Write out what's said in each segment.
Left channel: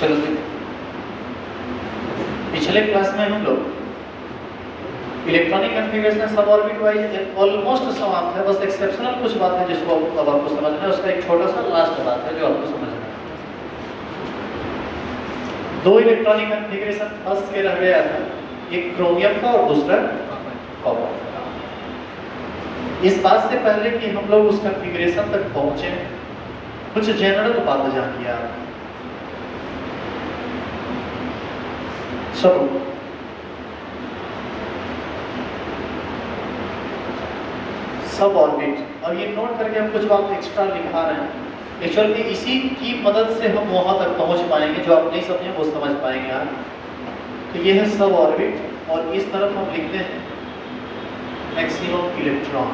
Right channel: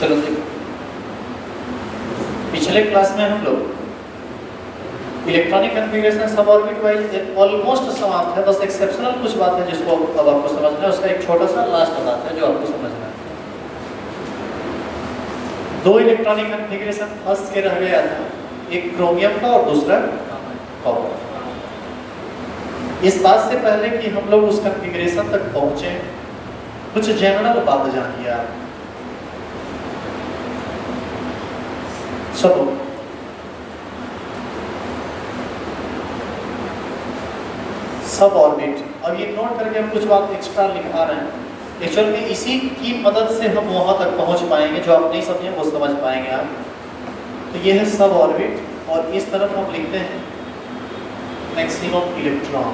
चलो देखो, पिछले क्लास में हम लोग इलेक्ट्रॉनिक कॉन्फ़िगरेशन सब ऑर्बिट वाइज ऑलमोस्ट समाप्त है, बस एक्सेप्शनल कुछ बात है जिसको अब आपको समझना है। उसका एक छोटा सा लास्ट बात है जो आपको समझना है। दो इलेक्ट्रॉनिक कॉन्फ़िगरेशन फर्स्ट के रह गया था, एक क्रोमियम का और दूसरा कॉपर। इस बात से पहले कि हम लोग उस कॉन्फ़िगरेशन तक पहुंचे, कुछ जनरल बात जानिए आप। सब सब ऑर्बिट, अब ये नोट करके हम कुछ बात एक्स्ट्रा लिखा रहे हैं। एक्चुअल में इसी की मदद से हम वहां तक पहुंच पाएंगे, जो आप नहीं समझे वो समझ पाएंगे आप। तो ये है सब ऑर्बिट, और इस तरफ हम लिखते हैं मैक्सिमम इलेक्ट्रॉन।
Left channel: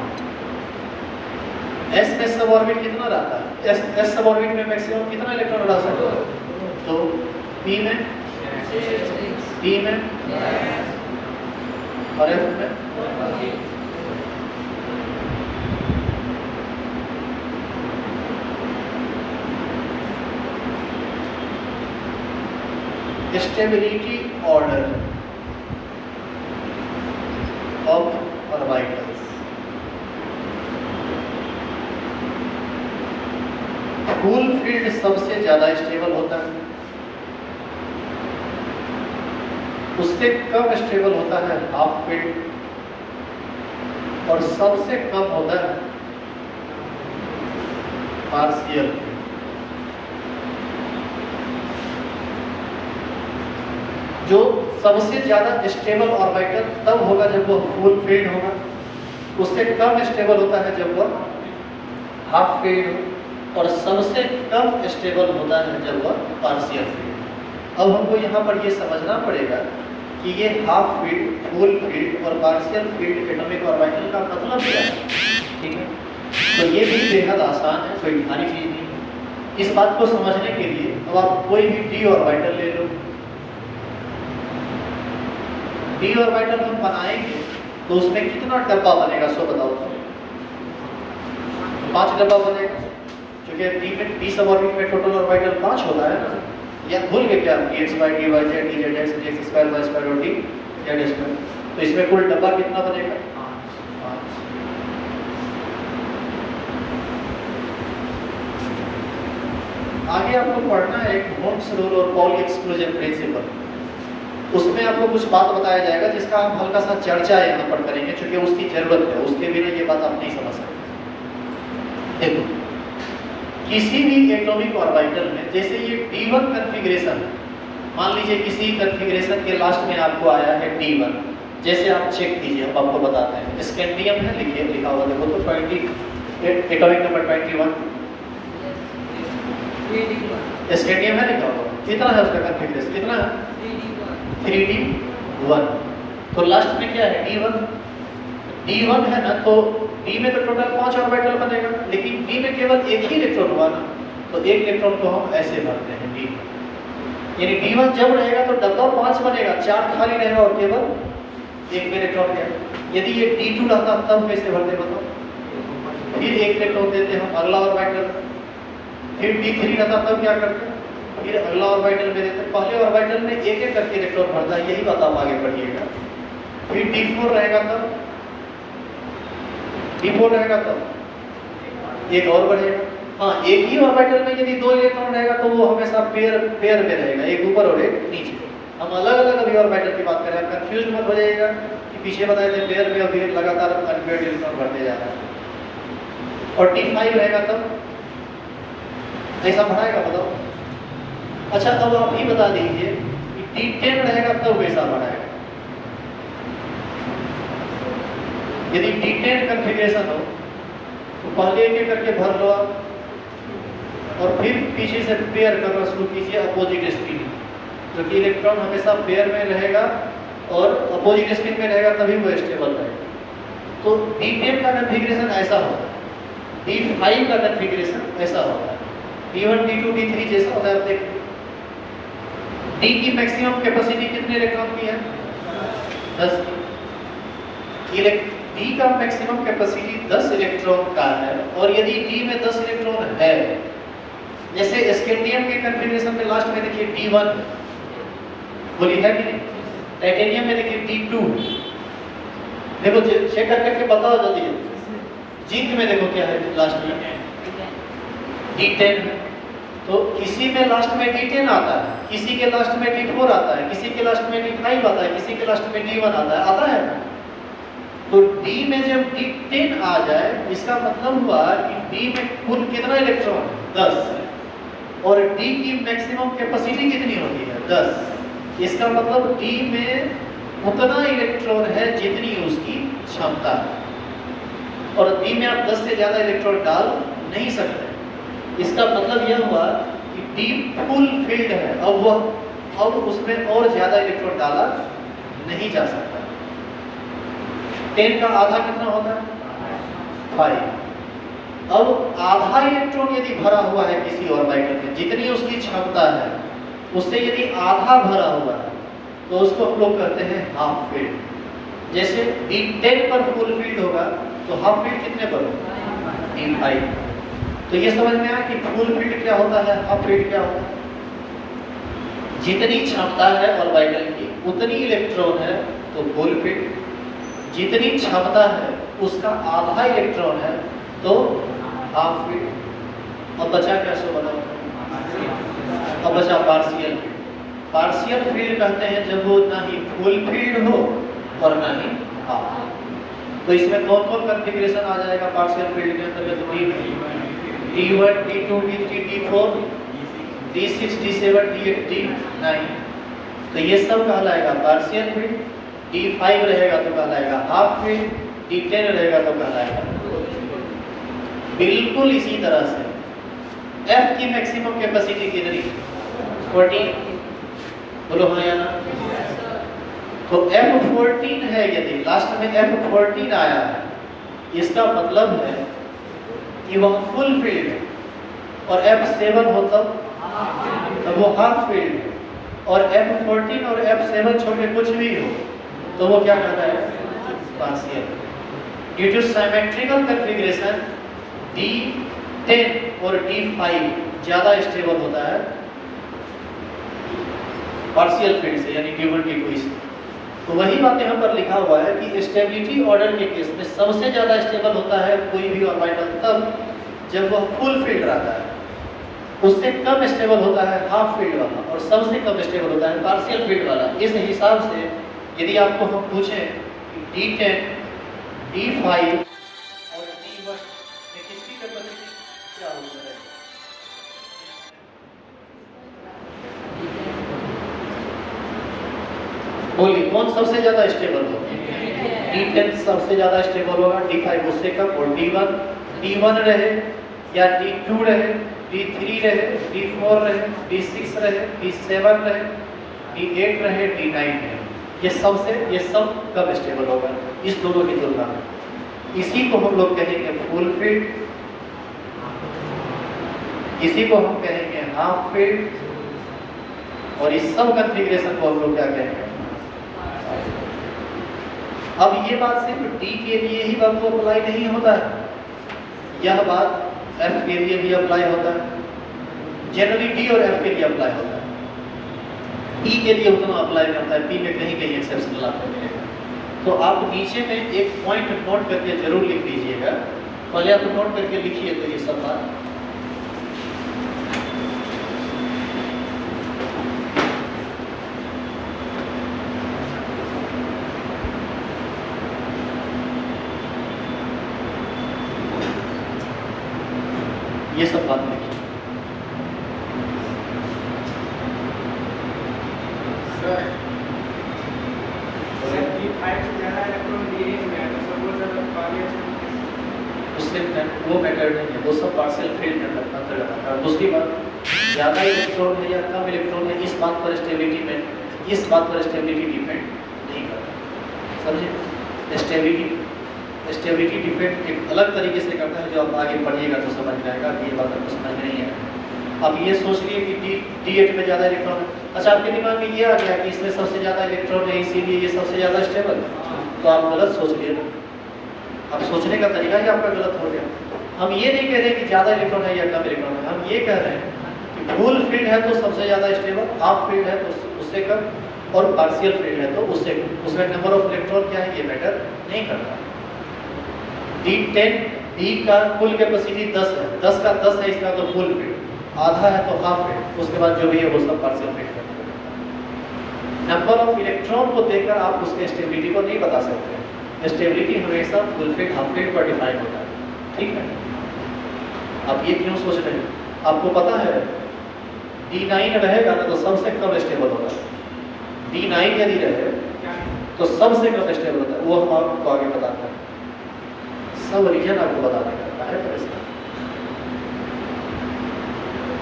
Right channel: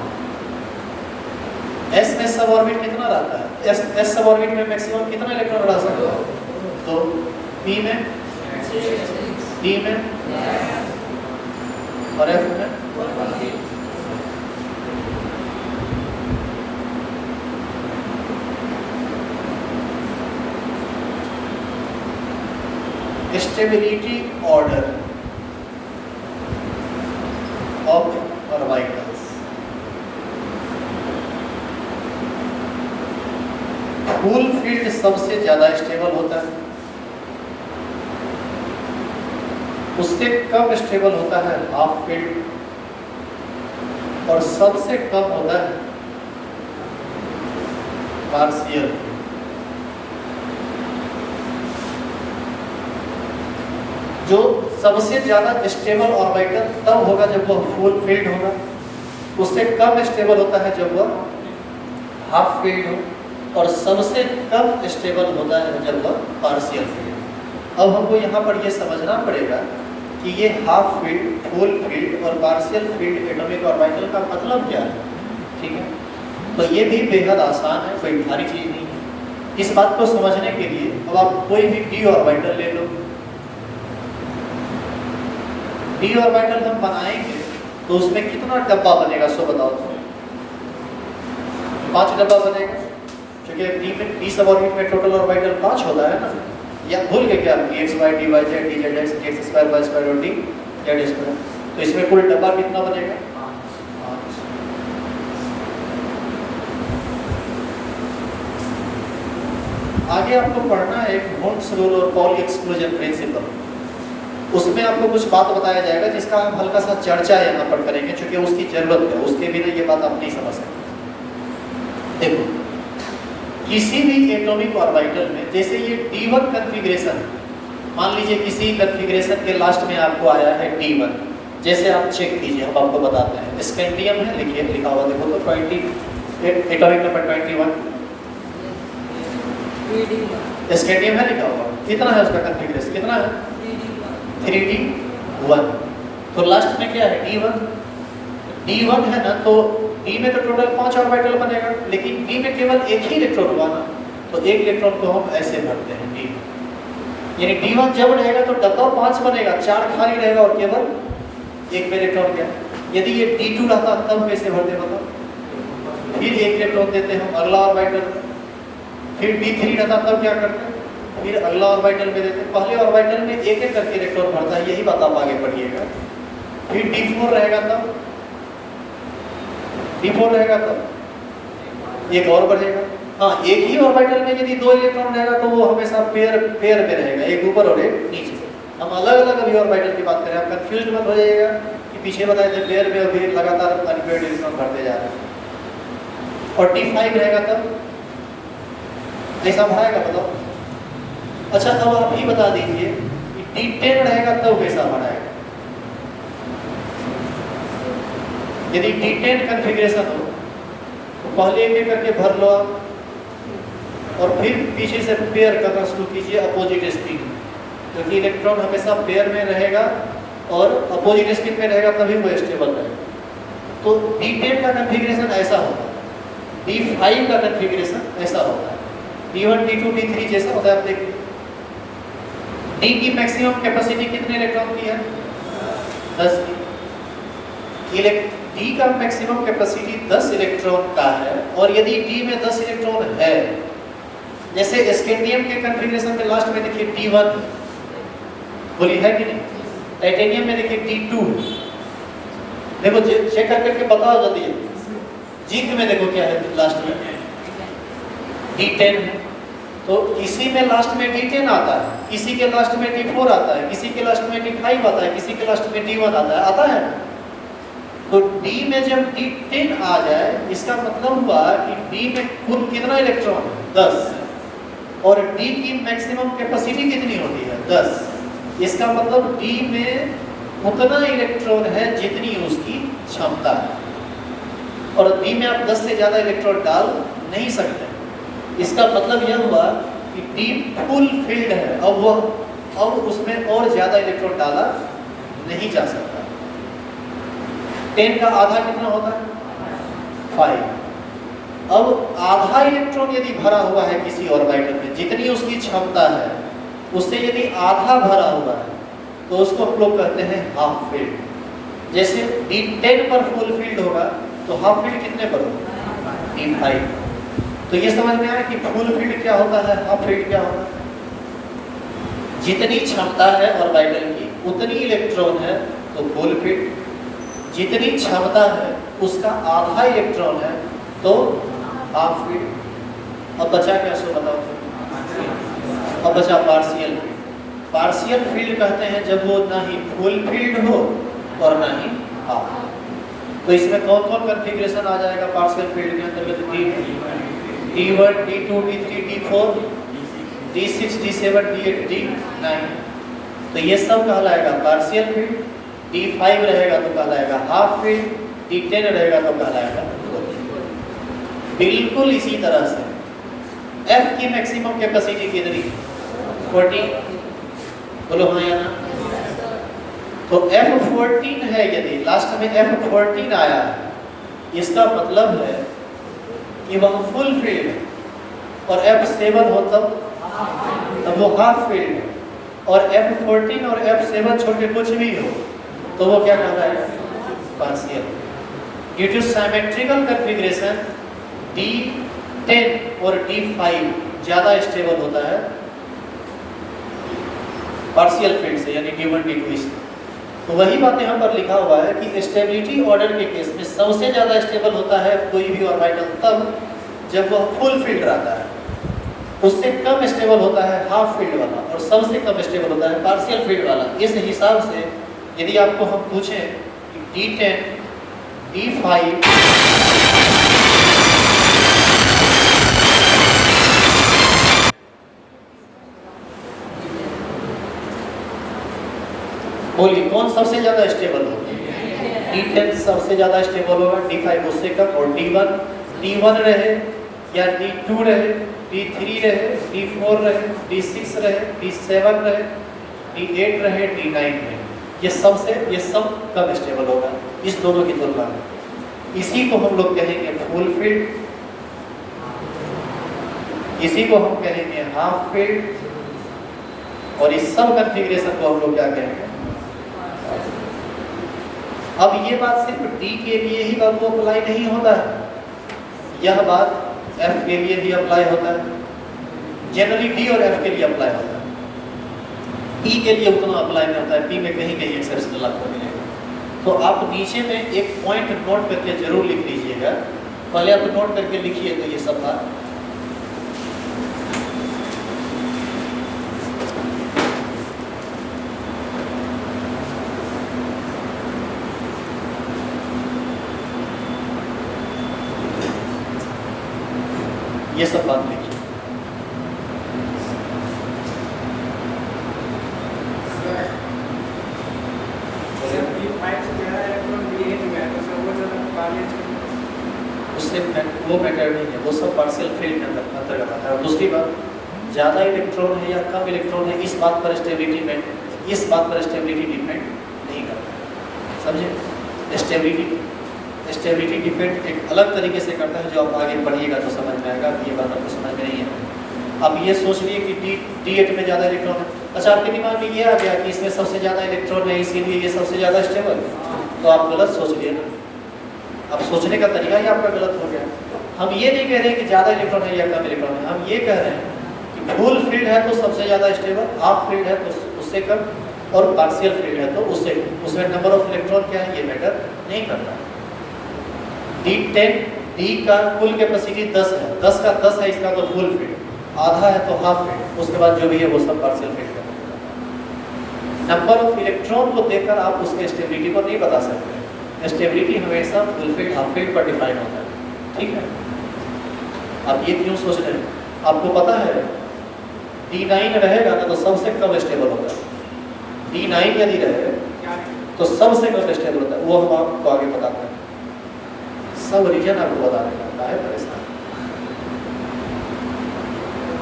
एस में सब ऑर्बिट कितना रहता है? एस सब ऑर्बिट में मैक्सिमम कितना इलेक्ट्रॉन रह सकता है? तो पी में, डी में और एफ में। Stability order of orbitals. Full field सबसे ज्यादा स्टेबल होता है, उससे कम स्टेबल होता है हाफ फील्ड, और सबसे कम होता है पार्शियल फील्ड। जो सबसे ज्यादा स्टेबल ऑर्बिटल तब होगा जब वो फुल फील्ड होगा, उससे कम स्टेबल होता है जब वह हाफ फील्ड हो, और सबसे कम स्टेबल होता है जब वह पार्शियल फील्ड। अब हमको यहाँ पर ये समझना पड़ेगा कि ये हाफ फील्ड, फुल फील्ड और पार्शियल फील्ड एटॉमिक ऑर्बिटल का मतलब क्या है। ठीक है, तो ये भी बेहद आसान है, कोई भारी चीज नहीं है। इस बात को समझने के लिए अब आप कोई भी डी ऑर्बिटल ले लो। डी ऑर्बिटल हम बनाएंगे तो उसमें कितना डब्बा बनेगा, सो बताओ। 5 डब्बा बनेगा, क्योंकि डी में डी सब ऑर्बिट में टोटल ऑर्बिटल 5 होता है ना। या भूल गए क्या? dx by dy z dz x dx square y square और d z square। तो इसमें कुल डब्बा कितना बनेगा? 5। आगे आपको पढ़ना है एक वॉन्स रूल और पॉली एक्सक्लूजन प्रिंसिपल। उसमें आपको कुछ बात बताया जाएगा जिसका हम हल्का सा चर्चा यहाँ पर करेंगे, क्योंकि उसकी जरूरत है, उसके बिना ये बात आप नहीं समझ सकते। देखो, किसी भी एटॉमिक ऑर्बिटल में, जैसे ये D1 कॉन्फ़िगरेशन, मान लीजिए किसी कॉन्फ़िगरेशन के लास्ट में आपको आया है D1, जैसे आप चेक कीजिए, हम आपको बताते हैं। स्कैंडियम है, लिखिए, लिखा हुआ देखो तो 20 एटॉमिक नंबर 21 स्कैंडियम है लिखा हुआ। कितना है उसका कॉन्फ़िगरेशन? कितना है? 3D1। तो लास्ट में क्या है? D1 है ना, तो D में तो टोटल 5 ऑर्बिटल बनेगा, लेकिन D में केवल एक ही इलेक्ट्रॉन हुआ ना, तो एक इलेक्ट्रॉन को हम ऐसे भरते हैं D। यानी D1 जब रहेगा तो डब्बा 5 बनेगा, 4 खाली रहेगा और केवल एक में इलेक्ट्रॉन गया। यदि ये D2 रहता तब कैसे भरते बताओ? फिर एक इलेक्ट्रॉन देते हम अगला ऑर्बिटल, फिर D3 रहता तब क्या करते? फिर अगला ऑर्बिटल में देते। पहले ऑर्बिटल में एक एक करके इलेक्ट्रॉन भरता है, यही बात आप आगे पढ़िएगा। फिर D4 रहेगा तब, D4 रहेगा तब एक और बढ़ेगा। हाँ, एक ही ऑर्बिटल में यदि 2 इलेक्ट्रॉन रहेगा तो वो हमेशा पेयर में रहेगा, एक ऊपर और एक नीचे। हम अलग अलग अभी ऑर्बिटल की बात करें, आप कंफ्यूज मत हो जाइएगा कि पीछे बताए थे पेयर में अभी लगातार अनपेयर्ड इलेक्ट्रॉन भरते जा रहे हैं। और D5 रहेगा तब ऐसा भराएगा, बताओ। अच्छा, अब आप ही बता दीजिए कि D10 रहेगा तब कैसा भराएगा? यदि D10 कॉन्फ़िगरेशन हो तो पहले एक करके भर लो आप, और फिर पीछे से पेयर करना शुरू कीजिए अपोजिट स्पिन, क्योंकि इलेक्ट्रॉन हमेशा पेयर में रहेगा और अपोजिट स्पिन में रहेगा, तभी वो स्टेबल रहेगा। तो D10 का कॉन्फ़िगरेशन ऐसा होता है, D5 का कॉन्फ़िगरेशन ऐसा होता है, D1 D2 D3 जैसा होता है। आप देखिए D की मैक्सिमम कैपेसिटी कितने इलेक्ट्रॉन की है? 10 की। D का मैक्सिमम कैपेसिटी 10 इलेक्ट्रॉन का है, और यदि D में 10 इलेक्ट्रॉन है, जैसे स्कैंडियम के कॉन्फ़िगरेशन में लास्ट में देखिए D1 बोली है कि नहीं, टाइटेनियम में देखिए D2 देखो चेक करके बताओ जल्दी। जिंक में देखो क्या है लास्ट में D10 है, तो किसी में लास्ट में D10 आता है, किसी के लास्ट में D4 आता है, किसी के लास्ट में D5 आता है, किसी के लास्ट में D1 आता है ना। तो D में जब D10 आ जाए इसका मतलब हुआ कि D में कुल कितना इलेक्ट्रॉन है 10, और D की मैक्सिमम कैपेसिटी कितनी होती है 10। इसका मतलब D में उतना इलेक्ट्रॉन है जितनी उसकी क्षमता है, और D में आप 10 से ज्यादा इलेक्ट्रॉन डाल नहीं सकते। इसका मतलब यह हुआ कि D फुल फिल्ड है, अब उसमें और ज्यादा इलेक्ट्रॉन डाला नहीं जा सकता। 10 का आधा कितना होता है 5। अब आधा इलेक्ट्रॉन यदि भरा हुआ है किसी ऑर्बिटल में, जितनी उसकी क्षमता है उससे यदि आधा भरा हुआ है तो उसको हम लोग कहते हैं हाफ फील्ड। जैसे D10 पर फुल फील्ड होगा तो हाफ फील्ड कितने पर होगा D5। तो ये समझ में आया कि फुल फील्ड क्या होता है, हाफ फील्ड क्या होता है। जितनी क्षमता है ऑर्बिटल की उतनी इलेक्ट्रॉन है तो फुल फील्ड, जितनी क्षमता है उसका आधा इलेक्ट्रॉन है तो हाफ फील्ड। अब बचा क्या सो बताओ, अब बचा पार्शियल फील्ड। पार्शियल फील्ड कहते हैं जब वो ना ही फुल फील्ड हो और ना ही हाफ। तो इसमें कौन कौन कॉन्फ़िगरेशन आ जाएगा पार्शियल फील्ड के अंतर्गत, D1 D2 D3 D4 D6 D7 D8 D9। तो ये सब कहलाएगा पार्शियल फील्ड। D5 रहेगा तो कहलाएगा हाफ फील्ड, D10 रहेगा तो कहलाएगा। बिल्कुल इसी तरह से F की मैक्सिमम कैपेसिटी कितनी 14, बोलो हाँ या ना। तो F14 है, यदि लास्ट में F14 आया है इसका मतलब है कि वह फुल फील्ड है, और F7 हो तब वो हाफ फील्ड है, और F14 और F7 छोटे कुछ भी हो तो वो क्या कहता है partial. Due to symmetrical configuration D10 और D5 ज्यादा स्टेबल होता है पार्शियल फील्ड से, यानी D1 D2 इससे। तो वही बात यहाँ पर लिखा हुआ है कि स्टेबिलिटी ऑर्डर के केस में सबसे ज्यादा स्टेबल होता है कोई भी ऑर्बिटल तब जब वह फुल फील्ड रहता है, उससे कम स्टेबल होता है हाफ फील्ड वाला, और सबसे कम स्टेबल होता है पार्शियल फील्ड वाला। इस हिसाब से यदि आपको हम पूछें कि D10 D5 बोलिए कौन सबसे ज्यादा स्टेबल होगा, D10 सबसे ज्यादा स्टेबल होगा, D5 उससे कम, और D1 रहे या D2 रहे, D3 रहे, D4 रहे, D6 रहे, D7 रहे, D8 रहे, D9 रहे, ये सब कम स्टेबल होगा इस दोनों की तुलना में। इसी को हम लोग कहेंगे फुल फील्ड, इसी को हम कहेंगे हाफ फील्ड, और इस सब कॉन्फ़िगरेशन को हम लोग क्या कहेंगे। अब ये बात सिर्फ D के लिए ही बात को अप्लाई नहीं होता है, यह बात F के लिए भी अप्लाई होता है, जनरली D और F के लिए अप्लाई होता है, E के लिए उतना अप्लाई नहीं होता है, P में कहीं कहीं एक्सेप्शनल आपको मिलेगा। तो आप नीचे में एक पॉइंट नोट करके जरूर लिख लीजिएगा, पहले आप नोट करके लिखिए तो ये सब बात। ये सब बात देखिए। उससे वो मैटर नहीं है, वो सब पार्शियल फील्ड के अंतर्गत आता है। दूसरी बात, ज़्यादा इलेक्ट्रॉन है या कम इलेक्ट्रॉन है इस बात पर स्टेबिलिटी डिपेंड नहीं करता, समझे। स्टेबिलिटी डिपेंड एक अलग तरीके से करता है, जो आप आगे पढ़िएगा तो समझ जाएगा कि ये बात आपको समझ में नहीं है। अब ये सोच लिए कि D8 में ज़्यादा इलेक्ट्रॉन है, अच्छा आपके दिमाग में ये आ गया कि इसमें सबसे ज़्यादा इलेक्ट्रॉन है इसीलिए ये सबसे ज़्यादा स्टेबल, तो आप गलत सोच लिए ना, अब सोचने का तरीका ही आपका गलत हो गया। हम ये नहीं कह रहे कि ज़्यादा इलेक्ट्रॉन है या कम इलेक्ट्रॉन है, हम ये कह रहे हैं फुल फील्ड है तो सबसे ज़्यादा स्टेबल, हाफ फील्ड है तो उससे कम, और पार्शियल फील्ड है तो उससे उसमें नंबर ऑफ इलेक्ट्रॉन क्या है ये मैटर नहीं करता। D10 D का कुल कैपेसिटी 10 है, 10 का 10 है इसका तो फुल फील्ड, आधा है तो हाफ फील्ड, उसके बाद जो भी है वो सब पार्शियल फील्ड है। नंबर ऑफ इलेक्ट्रॉन को देखकर आप उसके स्टेबिलिटी को नहीं बता सकते। स्टेबिलिटी हमेशा फुल फील्ड हाफ फील्ड पर डिफाइन होता है, ठीक है। आप ये क्यों सोच रहे हैं? आपको पता है D9 रहेगा ना तो सबसे कम स्टेबल होगा। D9 यदि रहे तो सबसे कम स्टेबल होता है, वो हम आपको आगे बताते हैं। सब रीजन आपको बताना पड़ता है परेशान।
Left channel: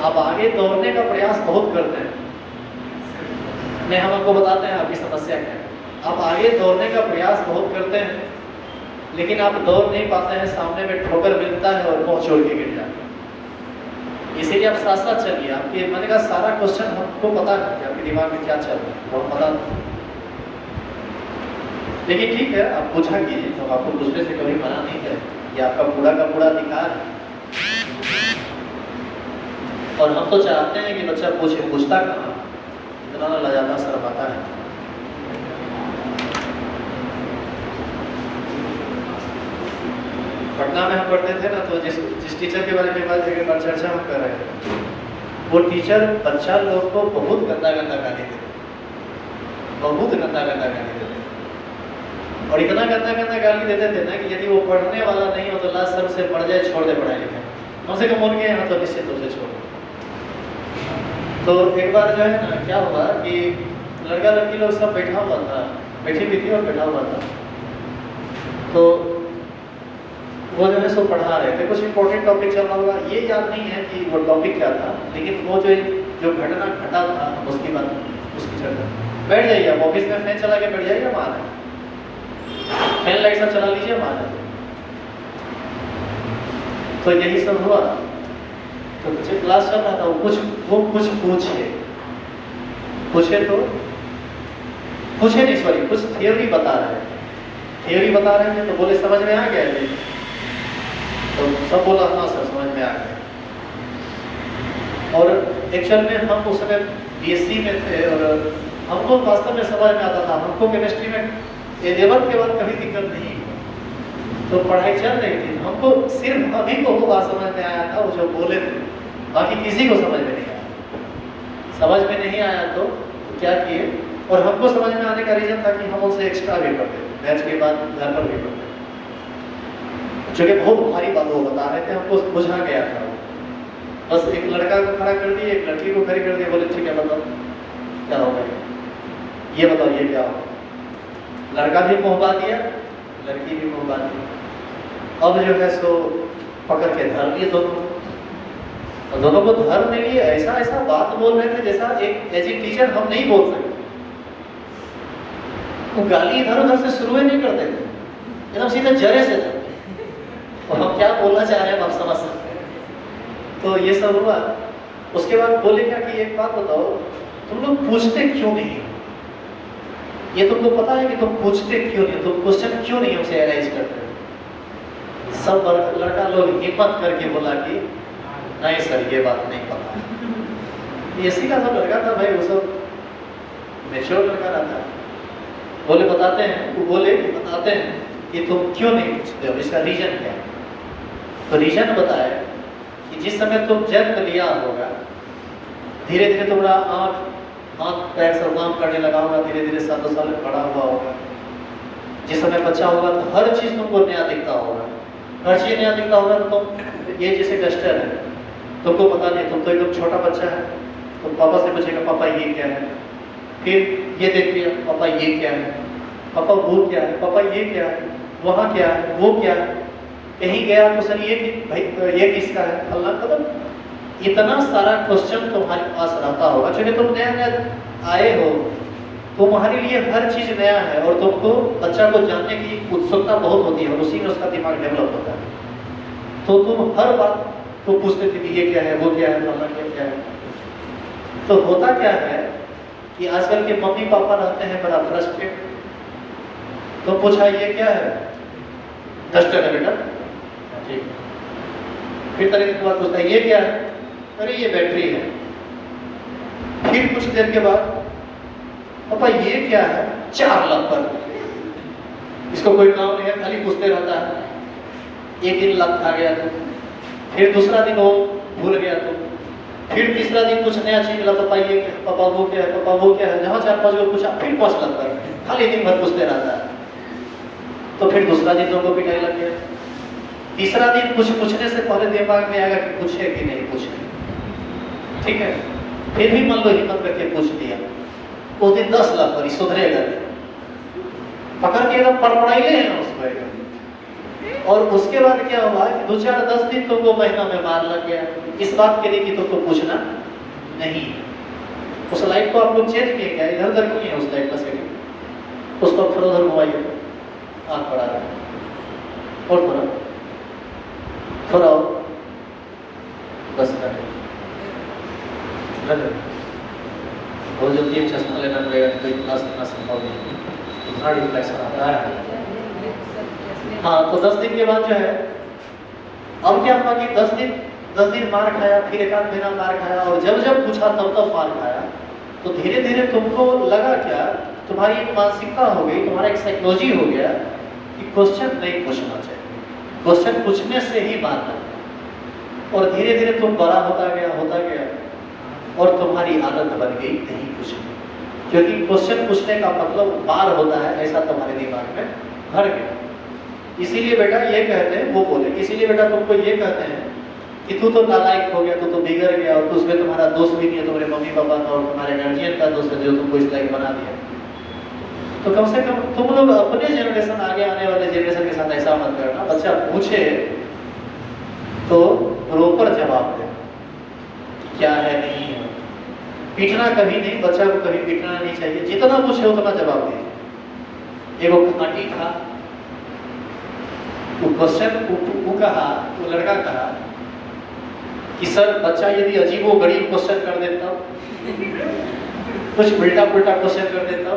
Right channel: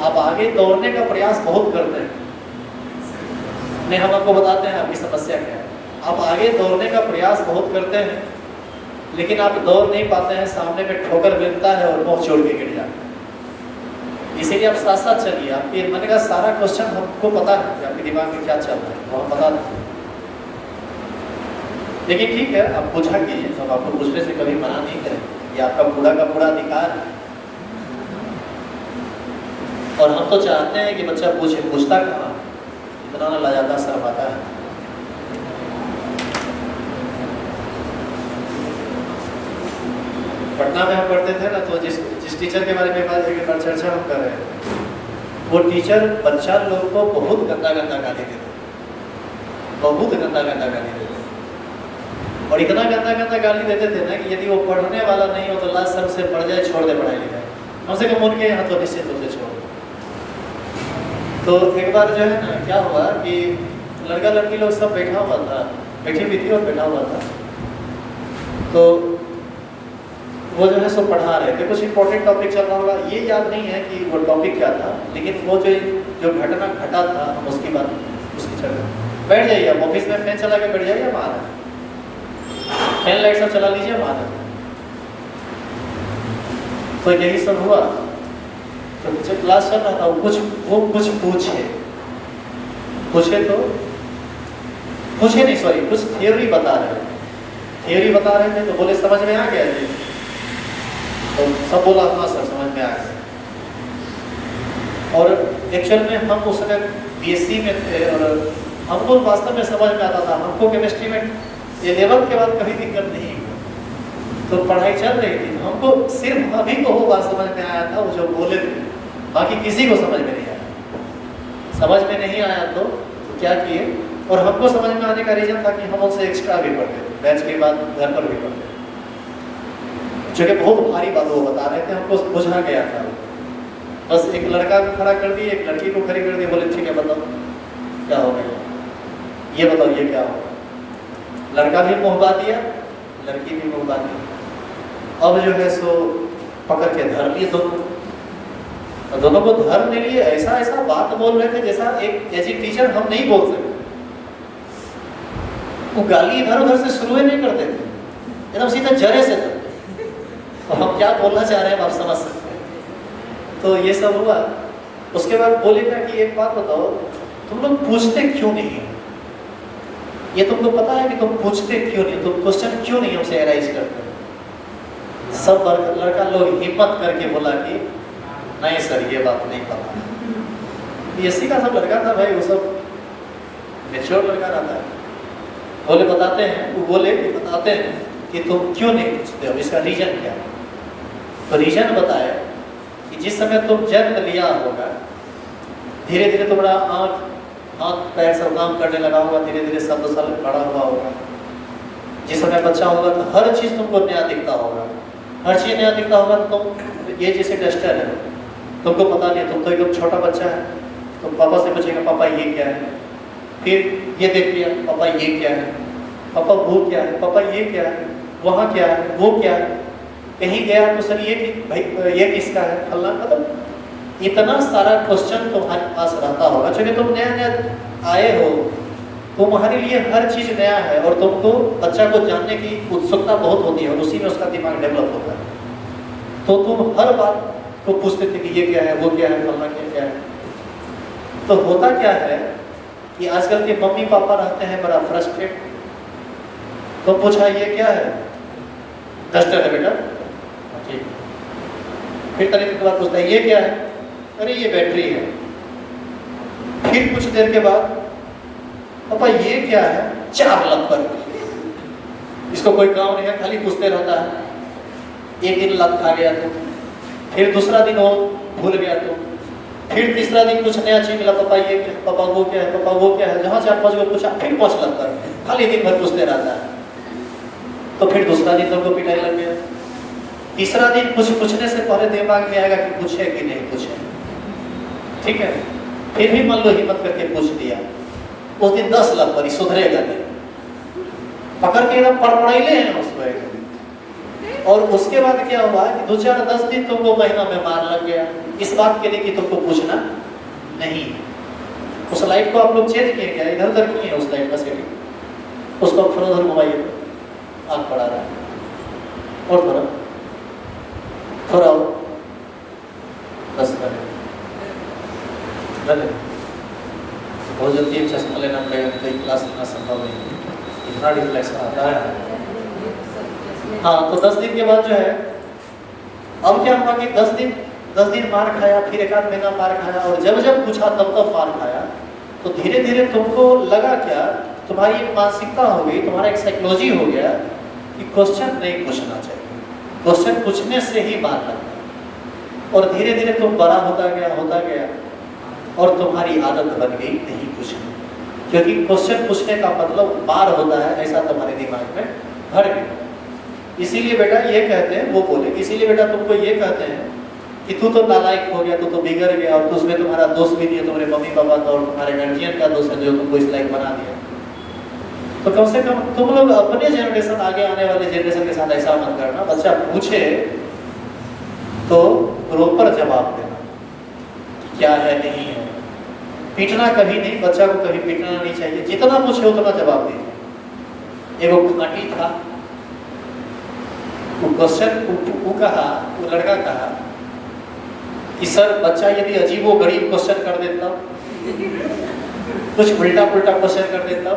आप आगे दौड़ने का प्रयास बहुत करते हैं, नहीं हम आपको बताते हैं आपकी समस्या क्या है। आप आगे दौड़ने का प्रयास बहुत करते हैं लेकिन आप दौड़ नहीं पाते हैं, सामने में ठोकर मिलता है और मुंह छोड़ के गिर जाते हैं। इसीलिए आप साथ साथ चलिए, आपके मन का सारा क्वेश्चन हमको पता है कि आपके दिमाग में क्या चल रहा है, बहुत पता है। लेकिन ठीक है, आप पूछा कीजिए, हम आपको पूछने से कभी मना नहीं करें, ये आपका पूरा का पूरा अधिकार है। और हम तो चाहते हैं कि बच्चा पूछे, पूछता कहाँ, इतना लाजादा शर्माता है। पटना में हम पढ़ते थे ना, तो जिस टीचर के बारे में बात चर्चा हम कर रहे थे, वो टीचर बच्चा लोग को बहुत गंदा गंदा गाली देते, बहुत गंदा गंदा गाली देते, और इतना गंदा गंदा गाली देते थे ना कि यदि वो पढ़ने वाला नहीं हो तो लास्ट सब से पढ़ जाए, छोड़ दे पढ़ाई लिखाई, कम से कम उनके यहाँ तो निश्चित रूप से छोड़। तो एक बार जो है ना क्या हुआ कि लड़का लड़की लोग सब बैठा हुआ था, बैठी हुई थी और बैठा हुआ था, तो वो जो है सो पढ़ा रहे थे, कुछ इंपॉर्टेंट टॉपिक चल रहा होगा, ये याद नहीं है कि वो टॉपिक क्या था, लेकिन वो जो घटना घटा था हम उसकी बात, उसकी चर्चा। बैठ जाइए, आप ऑफिस में फैन चला के बैठ जाइए, हम आ रहे हैं, फैन लाइट सब चला लीजिए, हम आ रहे हैं। तो यही सब हुआ। तो जब क्लास चल रहा था वो कुछ पूछे तो पूछे नहीं, सॉरी, कुछ थ्योरी बता रहे थे, तो बोले समझ में आ गया थे, तो सब बोला हाँ सर समझ में आ गया। और एक्चुअल में हम उस समय BSc में थे और हमको वास्तव में समझ में आता था, हमको केमिस्ट्री में 11th के बाद कभी दिक्कत नहीं हुआ, तो पढ़ाई चल रही थी, हमको सिर्फ अभी को वो बात समझ में आया था, वो जो बोले थे, बाकी किसी को समझ में नहीं आया। समझ में नहीं आया तो क्या किए, और हमको समझ में आने का रीजन था कि हम उनसे एक्स्ट्रा भी पढ़ते थे, बैच के बाद घर पर भी पढ़ते थे, क्योंकि बहुत भारी बात वो बता रहे थे, हमको बुझा गया था। बस एक लड़का को खड़ा कर दिए, एक लड़की को खड़ी कर दिए, बोले ठीक है बताओ क्या हो गया, ये बताओ ये क्या हो। लड़का भी मुहबा दिया, लड़की भी मुहबा दी। अब जो है सो पकड़ के धर लिए दोनों को धरने लिए ऐसा बात बोल रहे थे जैसा एक एज ए टीचर हम नहीं बोल सकते। तो गाली इधर उधर से शुरू नहीं करते थे, एकदम सीधा जरे से था, और हम क्या बोलना चाह रहे हैं आप समझ सकते हैं। तो ये सब हुआ। उसके बाद बोले क्या कि एक बात बताओ, तुम लोग पूछते क्यों नहीं हो? ये तुमको पता है कि तुम पूछते क्यों नहीं, तुम क्वेश्चन क्यों नहीं हमसे एराइज करते? सब लड़का लोग हिम्मत करके बोला कि नहीं सर ये बात नहीं पता। BSc का सब लड़का था भाई, वो सब मैच्योर लड़का रहता है। बोले बताते हैं, वो बोले कि बताते हैं कि तुम क्यों नहीं पूछते हो, इसका रीजन क्या है। तो रीजन बताया कि जिस समय तुम जन्म लिया होगा, धीरे धीरे तुम्हारा हाथ पैर सब काम करने लगा होगा, धीरे धीरे सब साल बड़ा हुआ होगा। जिस समय बच्चा होगा तो हर चीज तुमको नया दिखता होगा, हर चीज नया दिखता होगा। तो तुम ये जैसे डस्टर है, तुमको पता नहीं, तुम तो एक छोटा बच्चा है, तो पापा से पूछेगा पापा ये क्या है, फिर ये देख लिया पापा ये क्या है, पापा वो क्या है, पापा ये क्या है, वहाँ क्या है, वो क्या है, कहीं गया तो सर ये भाई ये किसका है, अल्लाह। मतलब इतना सारा क्वेश्चन तुम्हारे पास रहता होगा, क्योंकि तुम नया आए हो, तुम्हारे लिए हर चीज नया है, और तुमको बच्चा को जानने की उत्सुकता बहुत होती है, और उसी में उसका दिमाग डेवलप होता है। तो तुम हर बात को पूछते थे कि ये क्या है, वो क्या है, फलाना क्या है। तो होता क्या है कि आजकल के मम्मी पापा रहते हैं बड़ा फ्रस्ट्रेट। तो पूछा ये क्या है, डस्टर है बेटा, ठीक। फिर तरीके के बाद पूछता है ये क्या है, अरे ये बैटरी है, फिर कुछ देर के बाद पापा ये क्या है, 4 लत, इसको कोई काम नहीं है, खाली पूछते रहता है। एक दिन लत खा गया तो, फिर दूसरा दिन वो भूल गया तो, फिर तीसरा दिन कुछ नया चीज मिला, पापा ये क्या, पापा वो क्या है, पापा वो क्या है, जहाँ 4-5 बार पूछा, फिर 5 लत कर, खाली दिन भर पूछते रहता है। तो फिर दूसरा दिन तो पिटाई लग गया। तीसरा दिन कुछ पूछने से पहले दिमाग में आएगा कि पूछे कि नहीं पूछे, ठीक है, फिर भी मान लो हिम्मत करके पूछ दिया, उस दिन 10 लत पड़ी, सुधरेगा नहीं, पकड़ के एकदम पड़पड़ाइले हैं उसको एकदम। और उसके बाद क्या हुआ कि 2-4-10 दिन तुमको महीना में मार लग गया, इस बात के लिए कि तुमको पूछना नहीं। उस लाइट को आप लोग चेंज किए क्या, इधर उधर क्यों है उस लाइट का सेटिंग, उसको थोड़ा उधर घुमाइए, आँख बढ़ा रहा है, और थोड़ा और 10 मिनट, बहुत जल्दी चश्मा लेना पड़ेगा, कोई क्लास लेना संभव नहीं, इतना रिफ्लेक्स आता है। हाँ, तो 10 दिन के बाद जो है, अब क्या हुआ कि 10 दिन मार खाया, फिर 1 महीना मार खाया, और जब जब पूछा तब मार खाया। तो धीरे धीरे तुमको लगा क्या, तुम्हारी एक मानसिकता हो गई, तुम्हारा एक साइकोलॉजी हो गया कि क्वेश्चन नहीं पूछना चाहिए, क्वेश्चन पूछने से ही मारना है। और धीरे धीरे तुम बड़ा होता गया और तुम्हारी आदत बन गई नहीं पूछने, क्योंकि क्वेश्चन पूछने का मतलब मार होता है, ऐसा तुम्हारे दिमाग में भर गया। इसीलिए बेटा ये कहते हैं, वो बोले इसीलिए बेटा तुमको ये कहते हैं कि तू तो नालायक हो गया, तू तो बिगड़ गया, और उसमें तुम्हारा दोष भी नहीं है, तुम्हारे मम्मी पापा का और तुम्हारे गार्जियन का दोष है जो तुमको इस लायक बना दिया। तो कम से कम तुम लोग अपने जनरेशन, आगे आने वाले जनरेशन के साथ ऐसा मत करना। बच्चा पूछे तो प्रॉपर जवाब देना, क्या है नहीं है, पीटना कभी नहीं, बच्चा को कभी पीटना नहीं चाहिए, जितना पूछे उतना जवाब दे। एगो खाटी था, वो लड़का कहा कि सर बच्चा यदि अजीबो गरीब क्वेश्चन कर देता, कुछ उल्टा पुल्टा क्वेश्चन कर देता,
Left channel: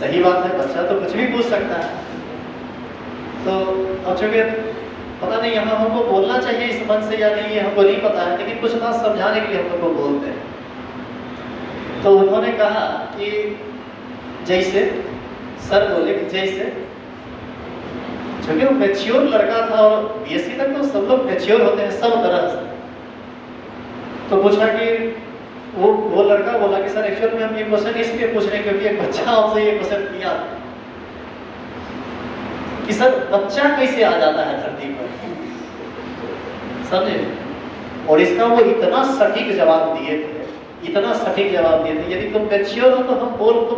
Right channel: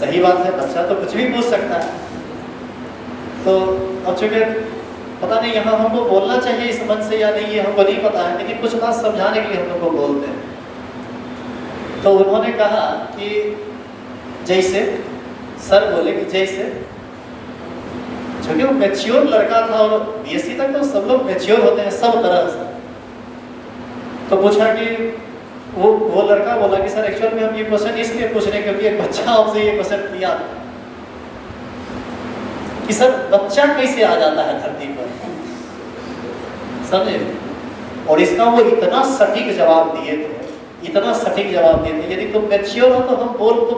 सही बात है, बच्चा तो कुछ भी पूछ सकता है। तो अब चूंकि पता नहीं यहाँ हमको बोलना चाहिए इस मन से या नहीं, ये हमको नहीं पता है, लेकिन कुछ बात समझाने के लिए हम लोग को बोलते हैं। तो उन्होंने कहा कि जैसे, सर बोले कि जैसे, क्योंकि वो मैच्योर लड़का था, और बीएससी तक तो सब लोग मैच्योर होते हैं सब तरह से। तो पूछा कि वो लड़का बोला कि सर एक्चुअल में हम ये क्वेश्चन इसलिए पूछ रहे हैं क्योंकि एक बच्चा आपसे ये क्वेश्चन किया कि सर बच्चा कैसे आ जाता है धरती पर, समझे। और इसका वो इतना सटीक जवाब दिए थे, इतना सटीक जवाब दिए थे, यदि तुम मैच्योर हो तो हम बोल तो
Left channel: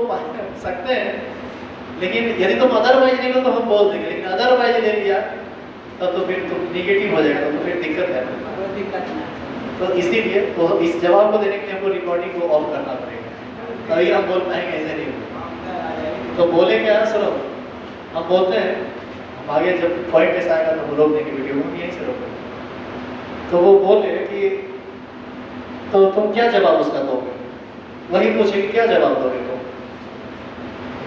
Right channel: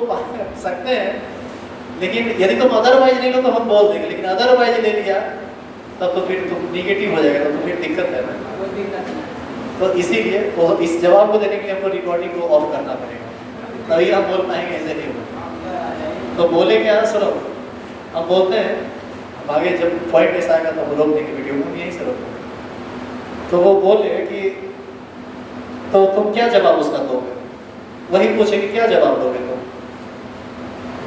सकते हैं, लेकिन यदि तुम अदरवाइज नहीं हो तो हम बोल देंगे, लेकिन अदरवाइज ले लिया तब तो फिर तुम निगेटिव हो जाएगा, तो फिर दिक्कत है ना। तो इसीलिए वो इस जवाब को देने के लिए हमको रिकॉर्डिंग को ऑफ करना पड़ेगा, तभी हम बोल पाएंगे, ऐसे नहीं होगा। तो बोले क्या, सुनो हम बोलते हैं, हम आगे जब पॉइंट ऐसा आएगा तो हम रोक देंगे वीडियो में, यहीं से रोकेंगे। तो वो बोले कि तो तुम क्या जवाब उसका दोगे, वही पूछे कि क्या जवाब दोगे तुम।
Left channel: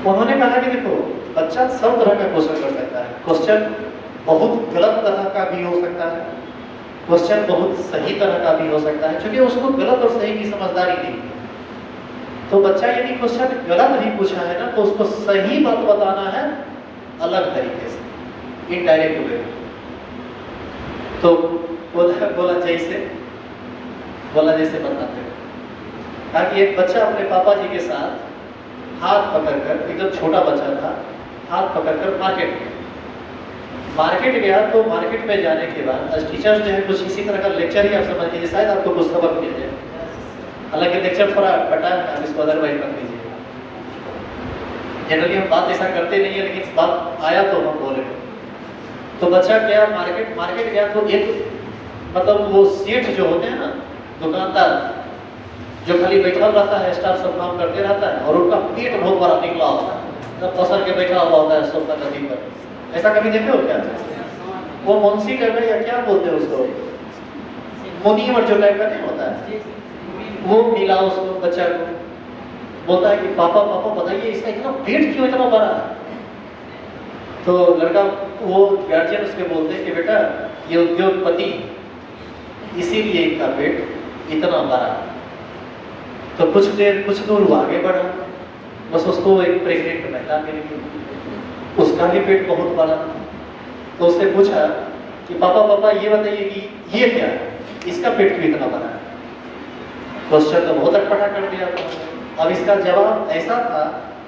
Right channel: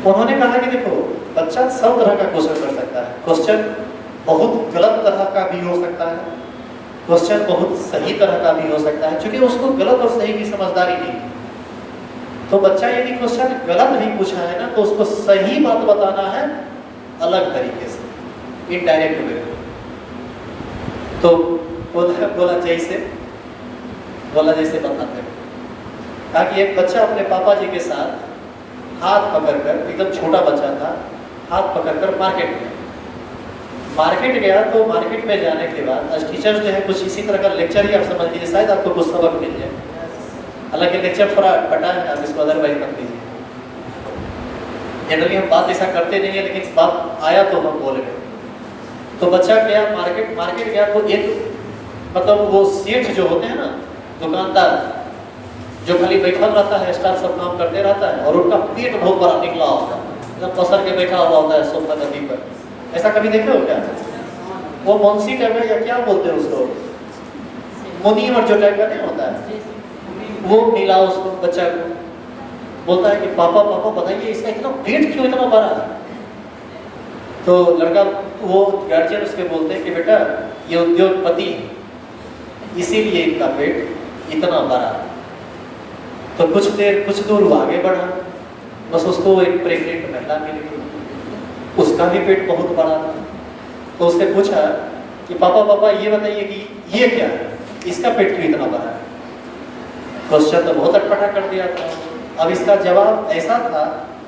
उन्होंने कहा कि देखो बच्चा सब तरह का क्वेश्चन कर सकता है, क्वेश्चन बहुत गलत तरह का भी हो सकता है, क्वेश्चन बहुत सही तरह का भी हो सकता है, क्योंकि उसको गलत और सही की समझदारी नहीं है। तो बच्चा यदि क्वेश्चन गलत भी पूछा है ना, तो उसको सही बात बताना है अलग तरीके से, इनडायरेक्ट वे। तो बोला जैसे बताते हैं, ताकि एक बच्चा अपने पापा जी के साथ हाथ पकड़कर, एकदम छोटा बच्चा था, हाथ पकड़कर मार्केट गया। तो मार्केट में जाने के बाद आज टीचर्स जो है कुछ इसी तरह का लेक्चर ही आप समझ लीजिए, शायद आपको कुछ सबक मिल जाए, हालांकि लेक्चर थोड़ा बटा है, आप इसको अदरवाइज रख लीजिए। जनरली हम बात ऐसा करते नहीं है, लेकिन बात आया तो हम बोलेंगे। तो बच्चा गया मार्केट गया, तो एक मतलब वो सेठ जो होते हैं ना, दुकानदार जो खाली बैठा रहता है, स्टाफ सब काम करते रहता है, और उनका पेट बहुत बड़ा निकला होता है, पसर के बैठा हुआ होता है सोफा नदी पर। ऐसा कभी देखे हो क्या? वो मुंशी टाइप या क्या बोलते हैं उसको, मुनि और जो टाइप का नहीं होता है, वो मिला उसको बच्चा को, बोलता है कि पापा बताइए इसका इतना पेट क्यों इतना बड़ा है। तो लड़का, वो गार्जियन उसके बोलते हैं कि बेटा ये उद्योगपति, इसीलिए इनका पेट इतना बड़ा। तो कुछ दूर वो आगे बढ़ा, बस उसको एक प्रेग्नेंट महिला मिल गई, उसका भी पेट बहुत बड़ा। तो उससे पूछा कि पापा ये बताइए कि ये क्या है, इसका पेट क्यों इतना बड़ा है। क्वेश्चन तो बहुत अटपटा कर दिया था। अब इसका जवाब ऐसा था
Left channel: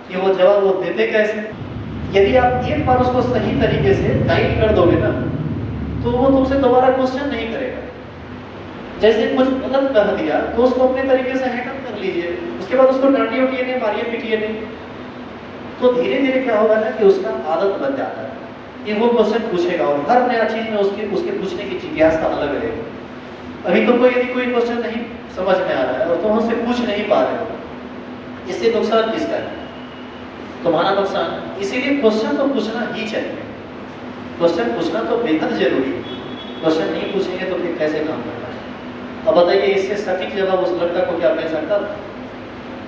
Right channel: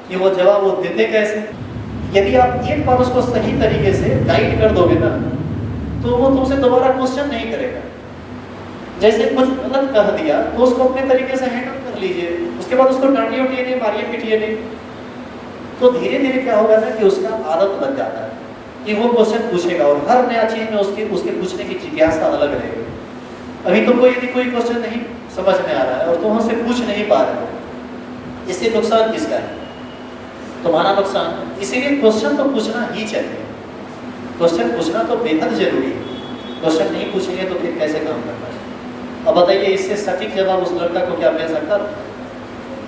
कि वो जवाब वो देते कैसे। यदि आप एक बार उसको सही तरीके से गाइड कर दोगे ना, तो वो तुमसे दोबारा क्वेश्चन नहीं करेगा। जैसे कुछ गलत कह दिया तो उसको अपने तरीके से हैंडल कर लीजिए, उसके बाद उसको डांटिए उठिए नहीं, मारिए पीटिए नहीं। तो धीरे धीरे क्या होगा ना कि उसका आदत बन जाता है कि वो क्वेश्चन पूछेगा, और हर नया चीज में उसके पूछने की जिज्ञासा अलग रहेगी। अभी तुमको यदि कोई क्वेश्चन नहीं समझ में आ रहा है और तुम हमसे पूछ नहीं पा रहे हो, इससे नुकसान किसका है? तुम्हारा नुकसान। इसीलिए क्वेश्चन तो पूछना ही चाहिए, क्वेश्चन पूछना तो बेहद जरूरी है। क्वेश्चन नहीं पूछेंगे तो फिर कैसे काम करना है। अब बताइए, इससे सटीक जवाब उस लड़का को क्या मिल सकता था?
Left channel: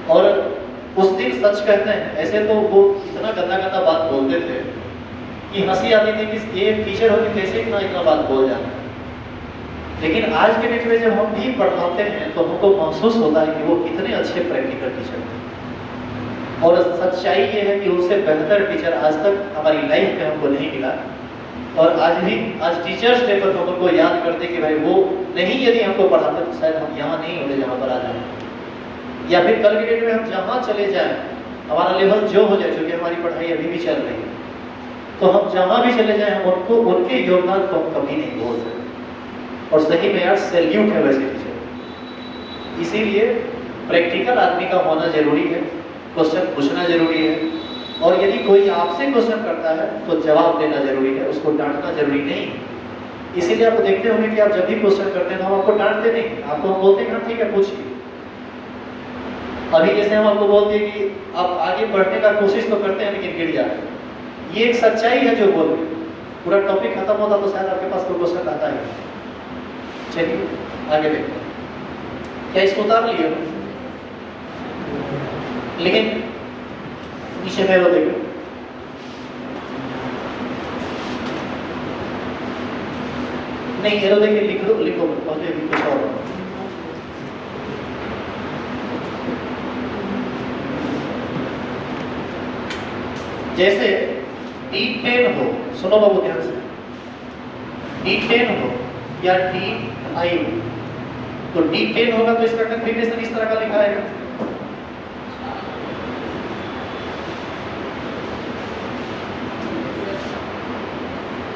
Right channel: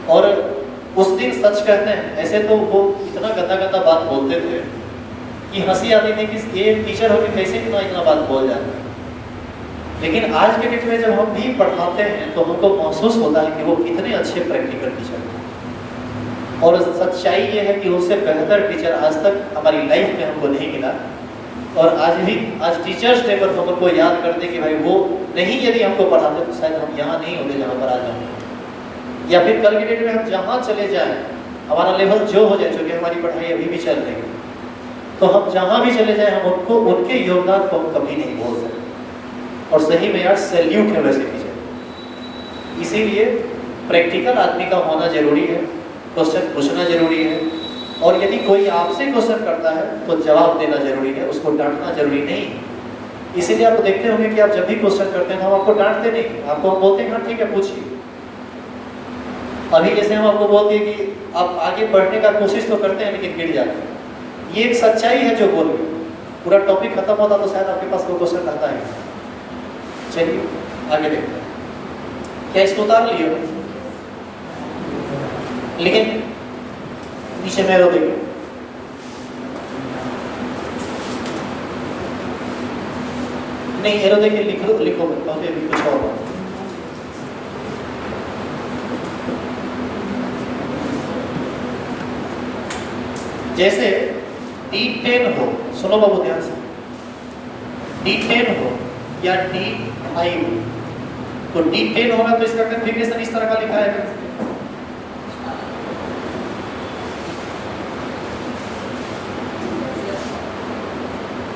और उस दिन सच कहते हैं, ऐसे तो वो इतना गंदा बात बोलते थे कि हंसी आती थी कि ये टीचर होकर कैसे इतना बात बोल जाते हैं। लेकिन आज के डेट में जब हम भी पढ़ाते हैं तो हमको महसूस होता है कि वो कितने अच्छे प्रैक्टिकल टीचर हैं। और सच्चाई ये है कि उससे बेहतर टीचर आज तक हमारी लाइफ में हमको नहीं मिला। और आज टीचर्स डे पर हमको याद करते कि भाई वो नहीं यदि हमको पढ़ाते तो शायद हम यहाँ नहीं होते जहाँ पर आज हम, या फिर कल के डेट में हम जहाँ चले जाएं, हमारा लेवल जो हो जाए, क्योंकि हमारी पढ़ाई अभी भी चल रही है, तो हम जहाँ भी चले जाएं हम उनके योगदान को हम कभी नहीं भूल सकते। और सही में यार सैल्यूट है वैसे टीचर। इसीलिए प्रैक्टिकल आदमी का होना जरूरी है, क्वेश्चन पूछना जरूरी है, और यदि कोई आपसे क्वेश्चन करता है तो जवाब देना जरूरी है, उसको डांटना जरूरी नहीं। इसीलिए आप देखते होंगे कि आप जब भी क्वेश्चन करते हैं हम आपको डांटते नहीं, आपको हम बोलते हैं ठीक है पूछिए। अभी जैसे हम आपको बोलते हैं कि आप आगे बढ़ने का कोशिश तो करते हैं लेकिन गिर जाते हैं, ये एक सच्चाई है जो बोल रही। पूरा टॉपिक खत्म होता तो शायद आपके पास कोई क्वेश्चन आता है। चलिए आगे देखते हैं। क्या इसको उतार लिए हो? लेकिन नीचे में देखो, नहीं एरो देखिए, लिखो अभी कुछ और। जैसे D10 हो, सुनो बाबू ध्यान से, D10 हो या D5 हो, तो D10 होगा तो इसका कॉन्फ़िगरेशन इस तरह का लिखा है,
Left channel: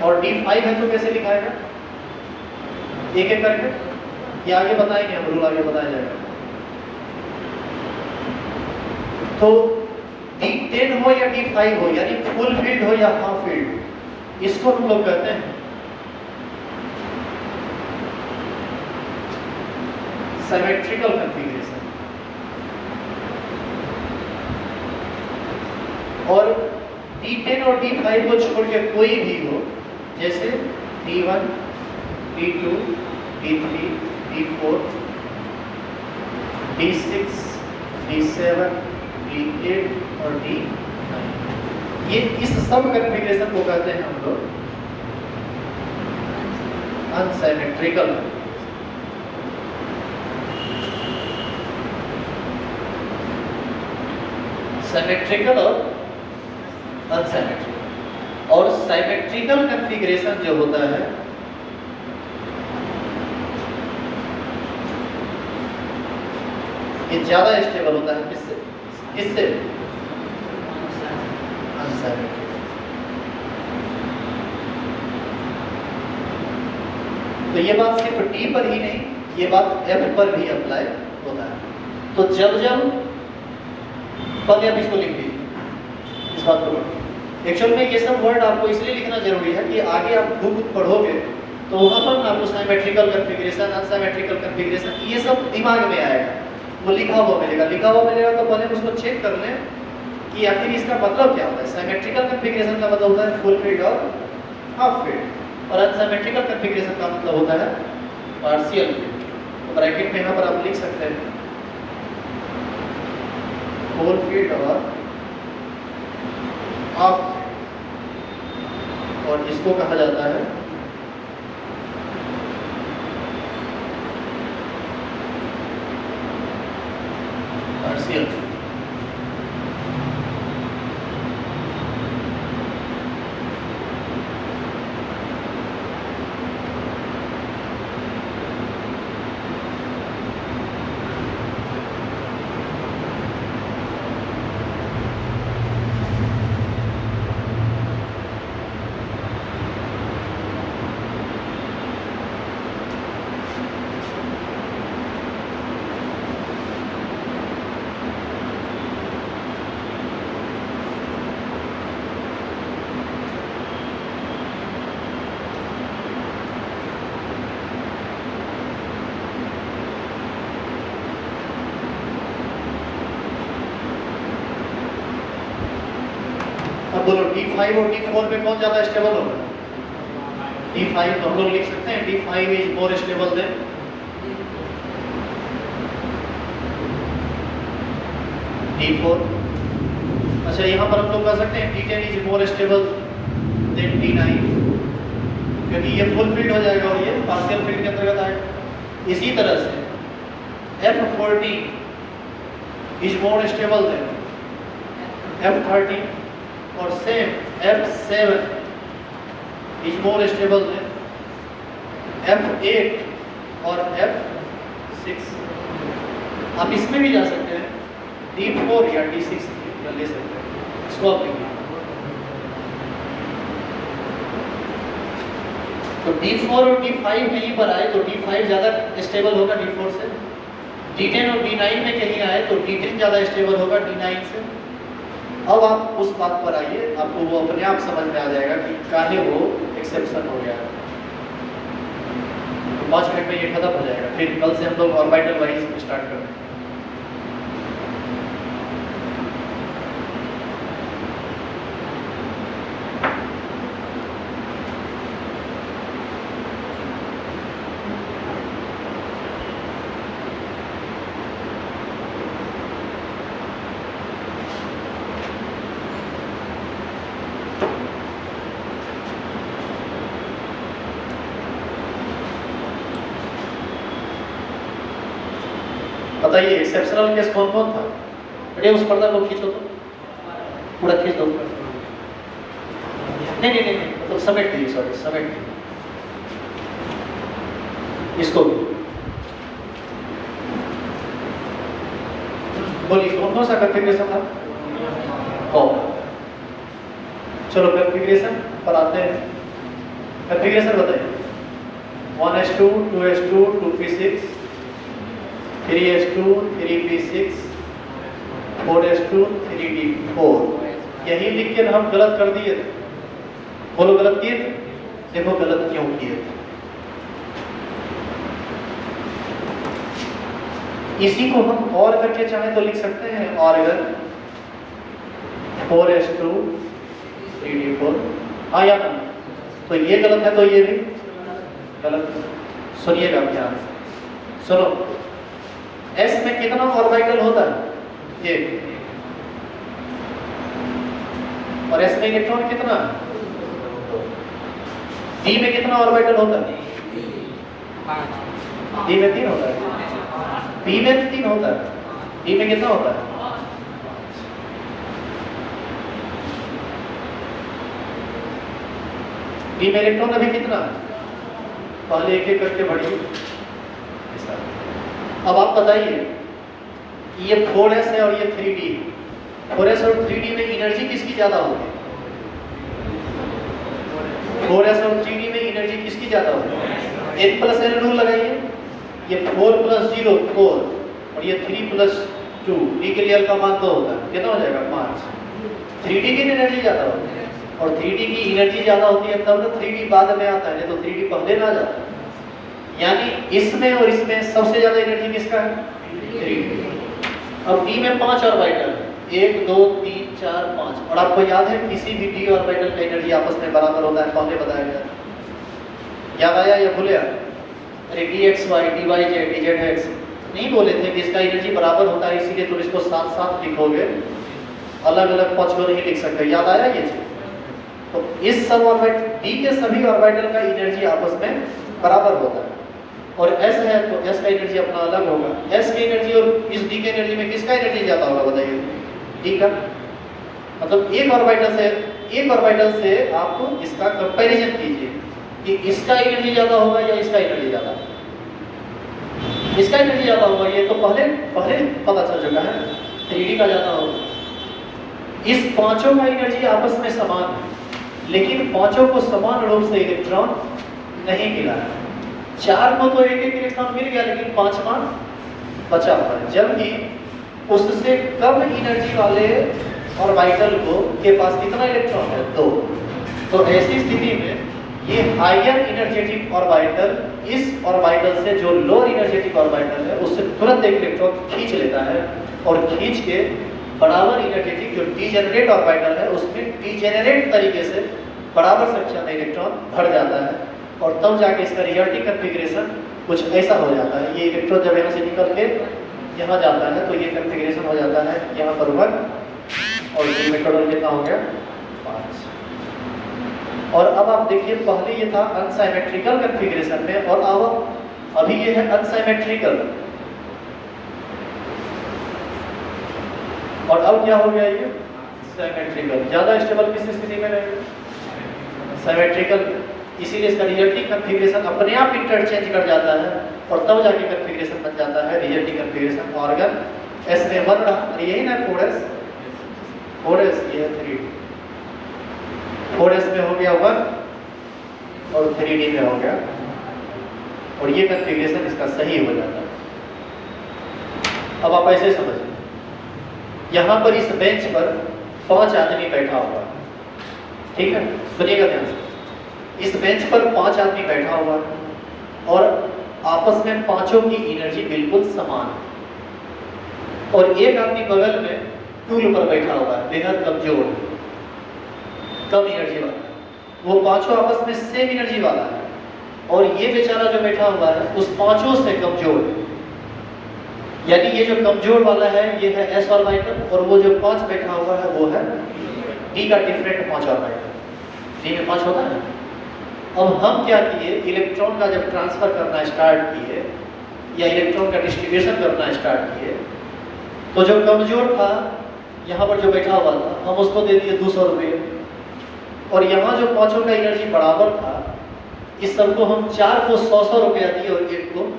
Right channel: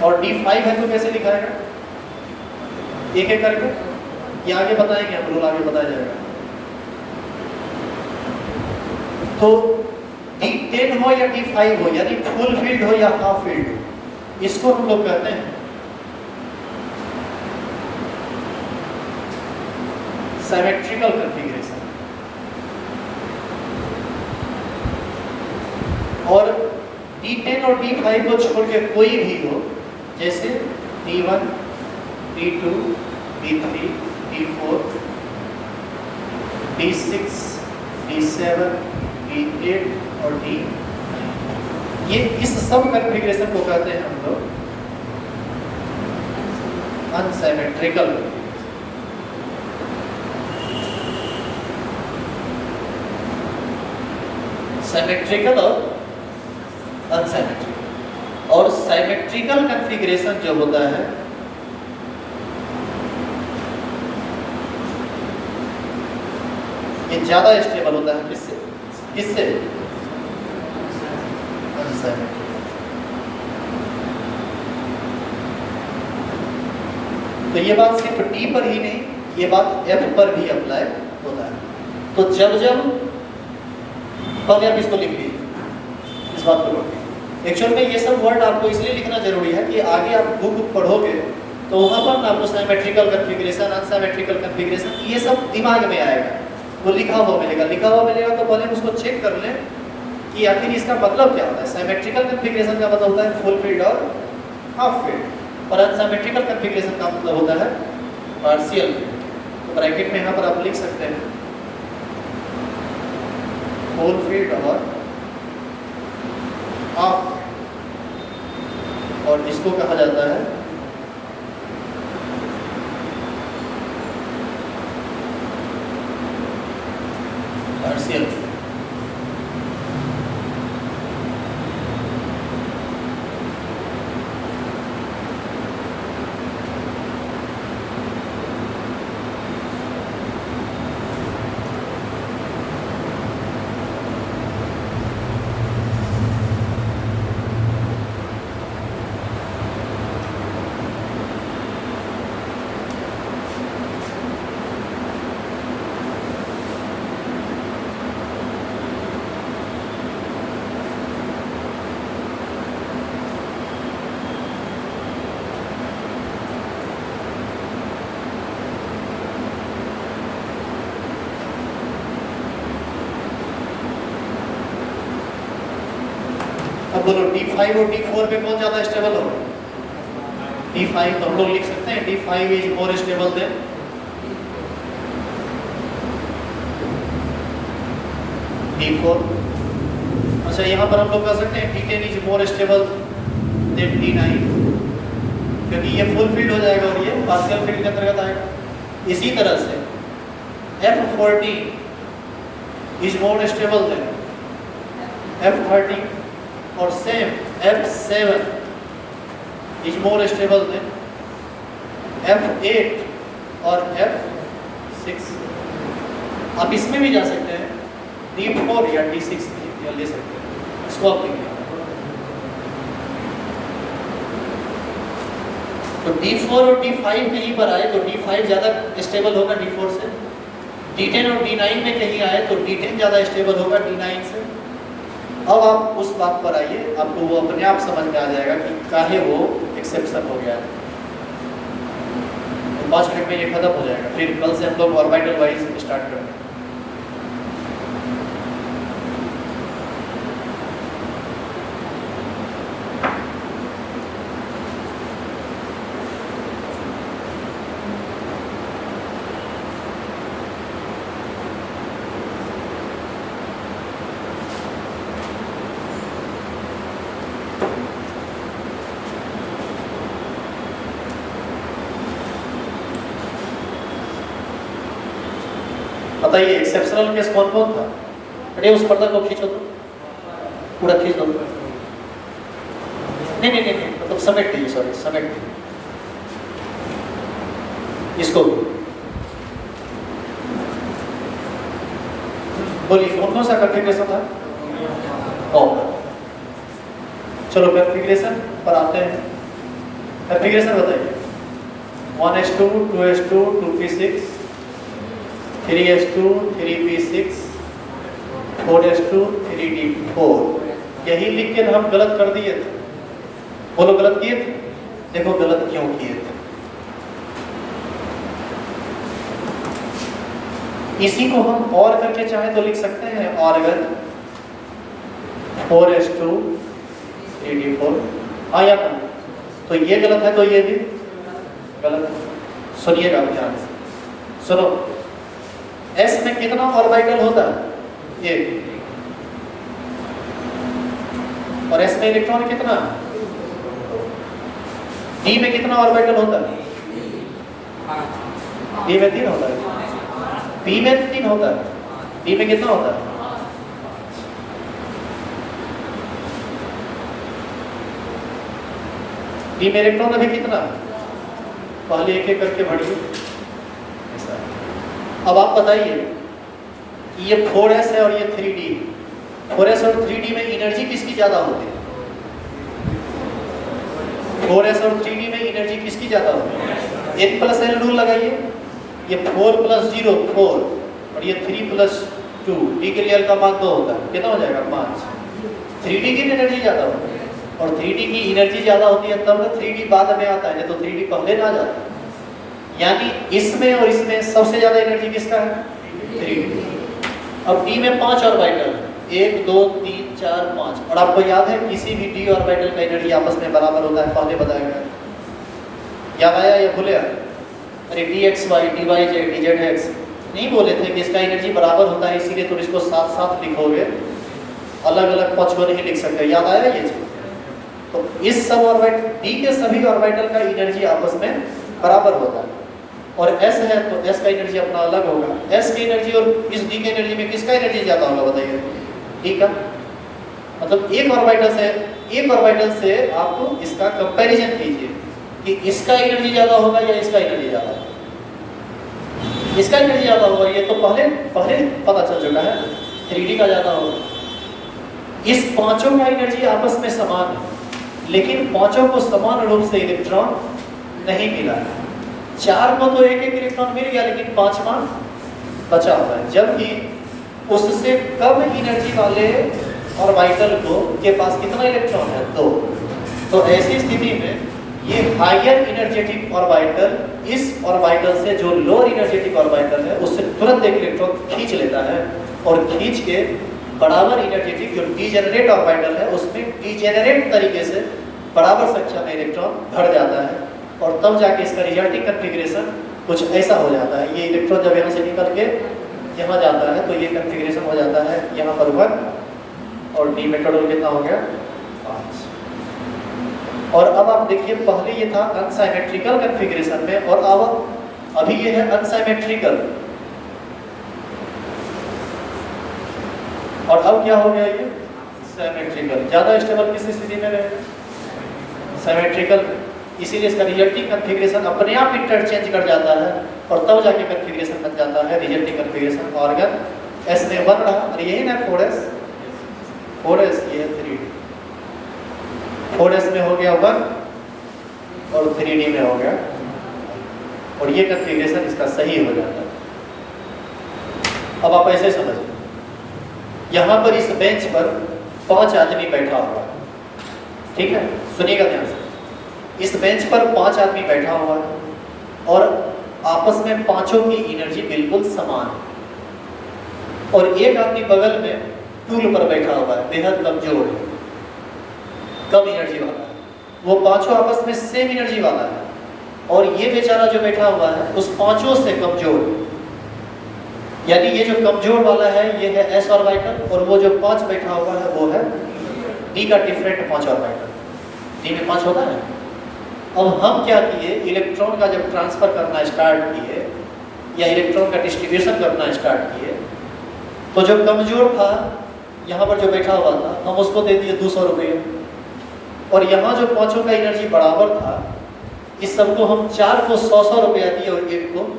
और D5 है तो कैसे लिखा है? एक एक करके, ये आगे बताएंगे हम, रूल आगे बताया जाएगा। तो D10 हो या D5 हो, यानी फुल फील्ड हो या हाफ फील्ड हो, इसको हम लोग कहते हैं सिमेट्रिकल कॉन्फ़िगरेशन। और D10 और D5 को छोड़ के कोई भी हो, जैसे D1, D2, D3, D4, D6, D7, D8 और D9, ये इस सब कॉन्फ़िगरेशन को कहते हैं हम लोग अनसिमेट्रिकल। सिमेट्रिकल और अनसिमेट्रिकल। और सिमेट्रिकल कॉन्फ़िगरेशन जो होता है ये ज्यादा स्टेबल होता है, किससे? अनसिमेट्रिकल। तो ये बात सिर्फ डी पर ही नहीं, ये बात एफ पर भी अप्लाई होता है। तो जब पहले आप इसको लिख दीजिए, इस बात को पढ़िए। एक्चुअल में ये सब वर्ड आपको इसलिए लिखना जरूरी है कि आगे आप बुक पढ़ोगे तो वहाँ पर आपको सिमेट्रिकल कॉन्फ़िगरेशन, अनसिमेट्रिकल कॉन्फ़िगरेशन ये सब दिमाग में आएगा, वो लिखा हुआ मिलेगा। तो पहले उसको चेक कर लें कि आखिर इसका मतलब क्या होता है। सिमेट्रिकल कॉन्फ़िगरेशन का मतलब होता है फुल फील्ड और हाफ फील्ड, और अनसिमेट्रिकल कॉन्फ़िगरेशन का मतलब होता है पार्शियल फील्ड। तो ब्रैकेट में यहाँ पर आप लिख सकते हैं फुल फील्ड और हाफ फील्ड, और इसको कहा जाता है एक्सियल। अब बोलो D5 और D4 पे कौन ज्यादा स्टेबल होगा? D5 तो हम लोग लिख सकते हैं D5 is more stable then D4। अच्छा यहाँ पर हम लोग कह सकते हैं D10 is more stable then D9, क्योंकि ये फुल फीड हो जाएगा और ये पार्शियल फीड के अंतर्गत आएगा। इसी तरह से F14 is more stable then F13 और same F7 is more stable then F8 और F6। आप इसमें भी जा सकते हैं D4 या D6 या ले सकते हैं, इसको आप देखना। तो D4 और D5 कहीं पर आए तो D5 ज़्यादा स्टेबल होगा D4 से, D10 और D9 में कहीं आए तो D10 ज़्यादा स्टेबल होगा D9 से। अब आप उस बात पर आइए, आपको वो अपने आप समझ में आ जाएगा कि काहे वो एक्सेप्शन हो गया। 5 मिनट में ये खत्म हो जाएगा, फिर कल से हम लोग ऑर्बिटल वाइज स्टार्ट करेंगे। बताइए एक्सेप्शनल केस कौन कौन था? अरे उस पर्दा को खींचो तो पूरा खींच दो। नहीं नहीं नहीं मतलब समेट दीजिए, सॉरी समेट दीजिए इसको। बोलिए कौन सा कॉन्फ़िगरेशन था? ओ चलो कॉन्फ़िगरेशन पर आते हैं। कॉन्फ़िगरेशन बताइए। 1s2 2s2 2p6 3s2 3p6 4s2 3d4। यही लिख के हम गलत कर दिए थे। बोलो गलत किए थे? देखो गलत क्यों किए थे। इसी को हम और करके चाहे तो लिख सकते हैं ऑर्गन 4s2 3d4। हाँ या ना? तो ये गलत है तो ये भी गलत है। सुनिएगा ध्यान से, सुनो। S में कितना ऑर्बिटल होता है? ये। और S में इलेक्ट्रॉन कितना? D में कितना ऑर्बिटल होता है? D में 3 होता है। P में 3 होता है। D में कितना होता है? D में इलेक्ट्रॉन अभी कितना है? पहले एक एक करके बढ़िए। अब आप बताइए ये 4s है और ये 3d। 4s और 3d में एनर्जी किसकी ज्यादा होती है? 4s और 3d में एनर्जी किसकी ज्यादा होती है? n प्लस l रूल लगाइए। ये 4 प्लस 0 4 और ये 3 प्लस 2 d के लिए l का मान 2 होता है। कितना हो जाएगा? 5। 3d की एनर्जी ज्यादा होती है और 3d की एनर्जी ज्यादा होती है तब ना 3d बाद में आता है, नहीं तो 3d पहले ना जाता है। यानी इसमें और इसमें सबसे ज्यादा एनर्जी किसका है? 3d। अब d में 5 ऑर्बिटल 1 2 3 4 5 और आपको याद है किसी भी d ऑर्बिटल का एनर्जी आपस में बराबर होता है। पहले बताया गया, याद आया या भूले? अरे dxy dy z dzx नहीं बोले थे कि इसका एनर्जी बराबर होता है, इसीलिए तुम इसको साथ साथ लिखोगे, अलग अलग पक्ष को नहीं लिख सकते। याद आया ये चीज? तो इस सब ऑर्बिटल d के सभी ऑर्बिटल का एनर्जी आपस में बराबर होता है। और S है तो S का एनर्जी अपना अलग होगा। S की एनर्जी और इस D की एनर्जी में किसका एनर्जी ज़्यादा होगा बताइए? D का। मतलब एक ऑर्बिटल से आप इसका कंपैरिजन कीजिए कि इसका एनर्जी ज़्यादा होगा या इसका एनर्जी ज़्यादा होगा। इसका एनर्जी ज़्यादा होगा, ये तो पहले पता चल चुका है, 3D का ज़्यादा होगा। इस पांचों का एनर्जी आपस में समान है, लेकिन पांचों को समान रूप से इलेक्ट्रॉन नहीं मिला है। 4 को तो एक इलेक्ट्रॉन मिल गया, लेकिन 5वां बचा हुआ है, जबकि उससे कम एनर्जी वाले ऑर्बिटल के पास कितना इलेक्ट्रॉन है? 2। तो ऐसी स्थिति में ये हायर एनर्जेटिक ऑर्बिटल इस ऑर्बिटल से जो लोअर एनर्जेटिक ऑर्बिटल है उससे तुरंत एक इलेक्ट्रॉन खींच लेता है, और खींच के बराबर एनर्जेटिक जो डीजेनरेट ऑर्बिटल है उसमें डीजेनरेट तरीके से बराबर संख्या में इलेक्ट्रॉन भर जाता है, और तब जाके इसका रिजल्टिंग कॉन्फ़िगरेशन कुछ ऐसा हो जाता है। ये इलेक्ट्रॉन जब यहाँ से निकल के यहाँ जाता है तो ये कॉन्फ़िगरेशन हो जाता है यहाँ पर 1, और ये मेटाडोल कितना हो गया? 5। और अब आप देखिए, पहले ये था अनसिमेट्रिकल कॉन्फ़िगरेशन में, और अब अभी ये है अनसिमेट्रिकल, और अब क्या हो गया? ये सिमेट्रिकल। ज्यादा स्टेबल किस स्थिति में रहेगा? सिमेट्रिकल। इसीलिए इसका रिजल्टिंग कॉन्फ़िगरेशन अपने आप इंटरचेंज कर जाता है, और तब जाके कॉन्फ़िगरेशन बन जाता है रिजल्टिंग कॉन्फ़िगरेशन। ऑर्गन S में 1 रहा, और यही ना 4s, ये 3D। 4s में हो गया 1, और 3D में हो गया, और ये कॉन्फ़िगरेशन इसका सही हो जाता है। अब आप ऐसे समझिए, यहाँ पर इस बेंच पर 5 आदमी बैठा हुआ है, ठीक है? सुनिएगा ध्यान से। इस बेंच पर 5 आदमी बैठा हुआ है, और आपस में पांचों की एनर्जी बिल्कुल समान है, और एक आदमी बगल में टूल पर बैठा हुआ है, बेहद कमजोर, कम एनर्जी वाला है। वो पांचों आपस में सेम एनर्जी वाला है, और ये बेचारा जो बैठा हुआ है उस पांचों से कमजोर है। यानी ये जो कमजोर वाला है ये है S ऑर्बिटल, और वो जो 5 बैठा हुआ है वो है D का डिफरेंट 5 ऑर्बिटल। D में 5 होता है। अब हम क्या किए, इलेक्ट्रॉन का जब ट्रांसफर करना स्टार्ट किए या इलेक्ट्रॉन का डिस्ट्रीब्यूशन करना स्टार्ट किए, तो जो कमजोर था यहाँ पर जो बैठा हुआ था, हम उसको दे दिए 200 रुपये, और यहाँ जो पांचों का एनर्जी बराबर था, इस सबको हम 4 को 100 रुपया दिए और 1 को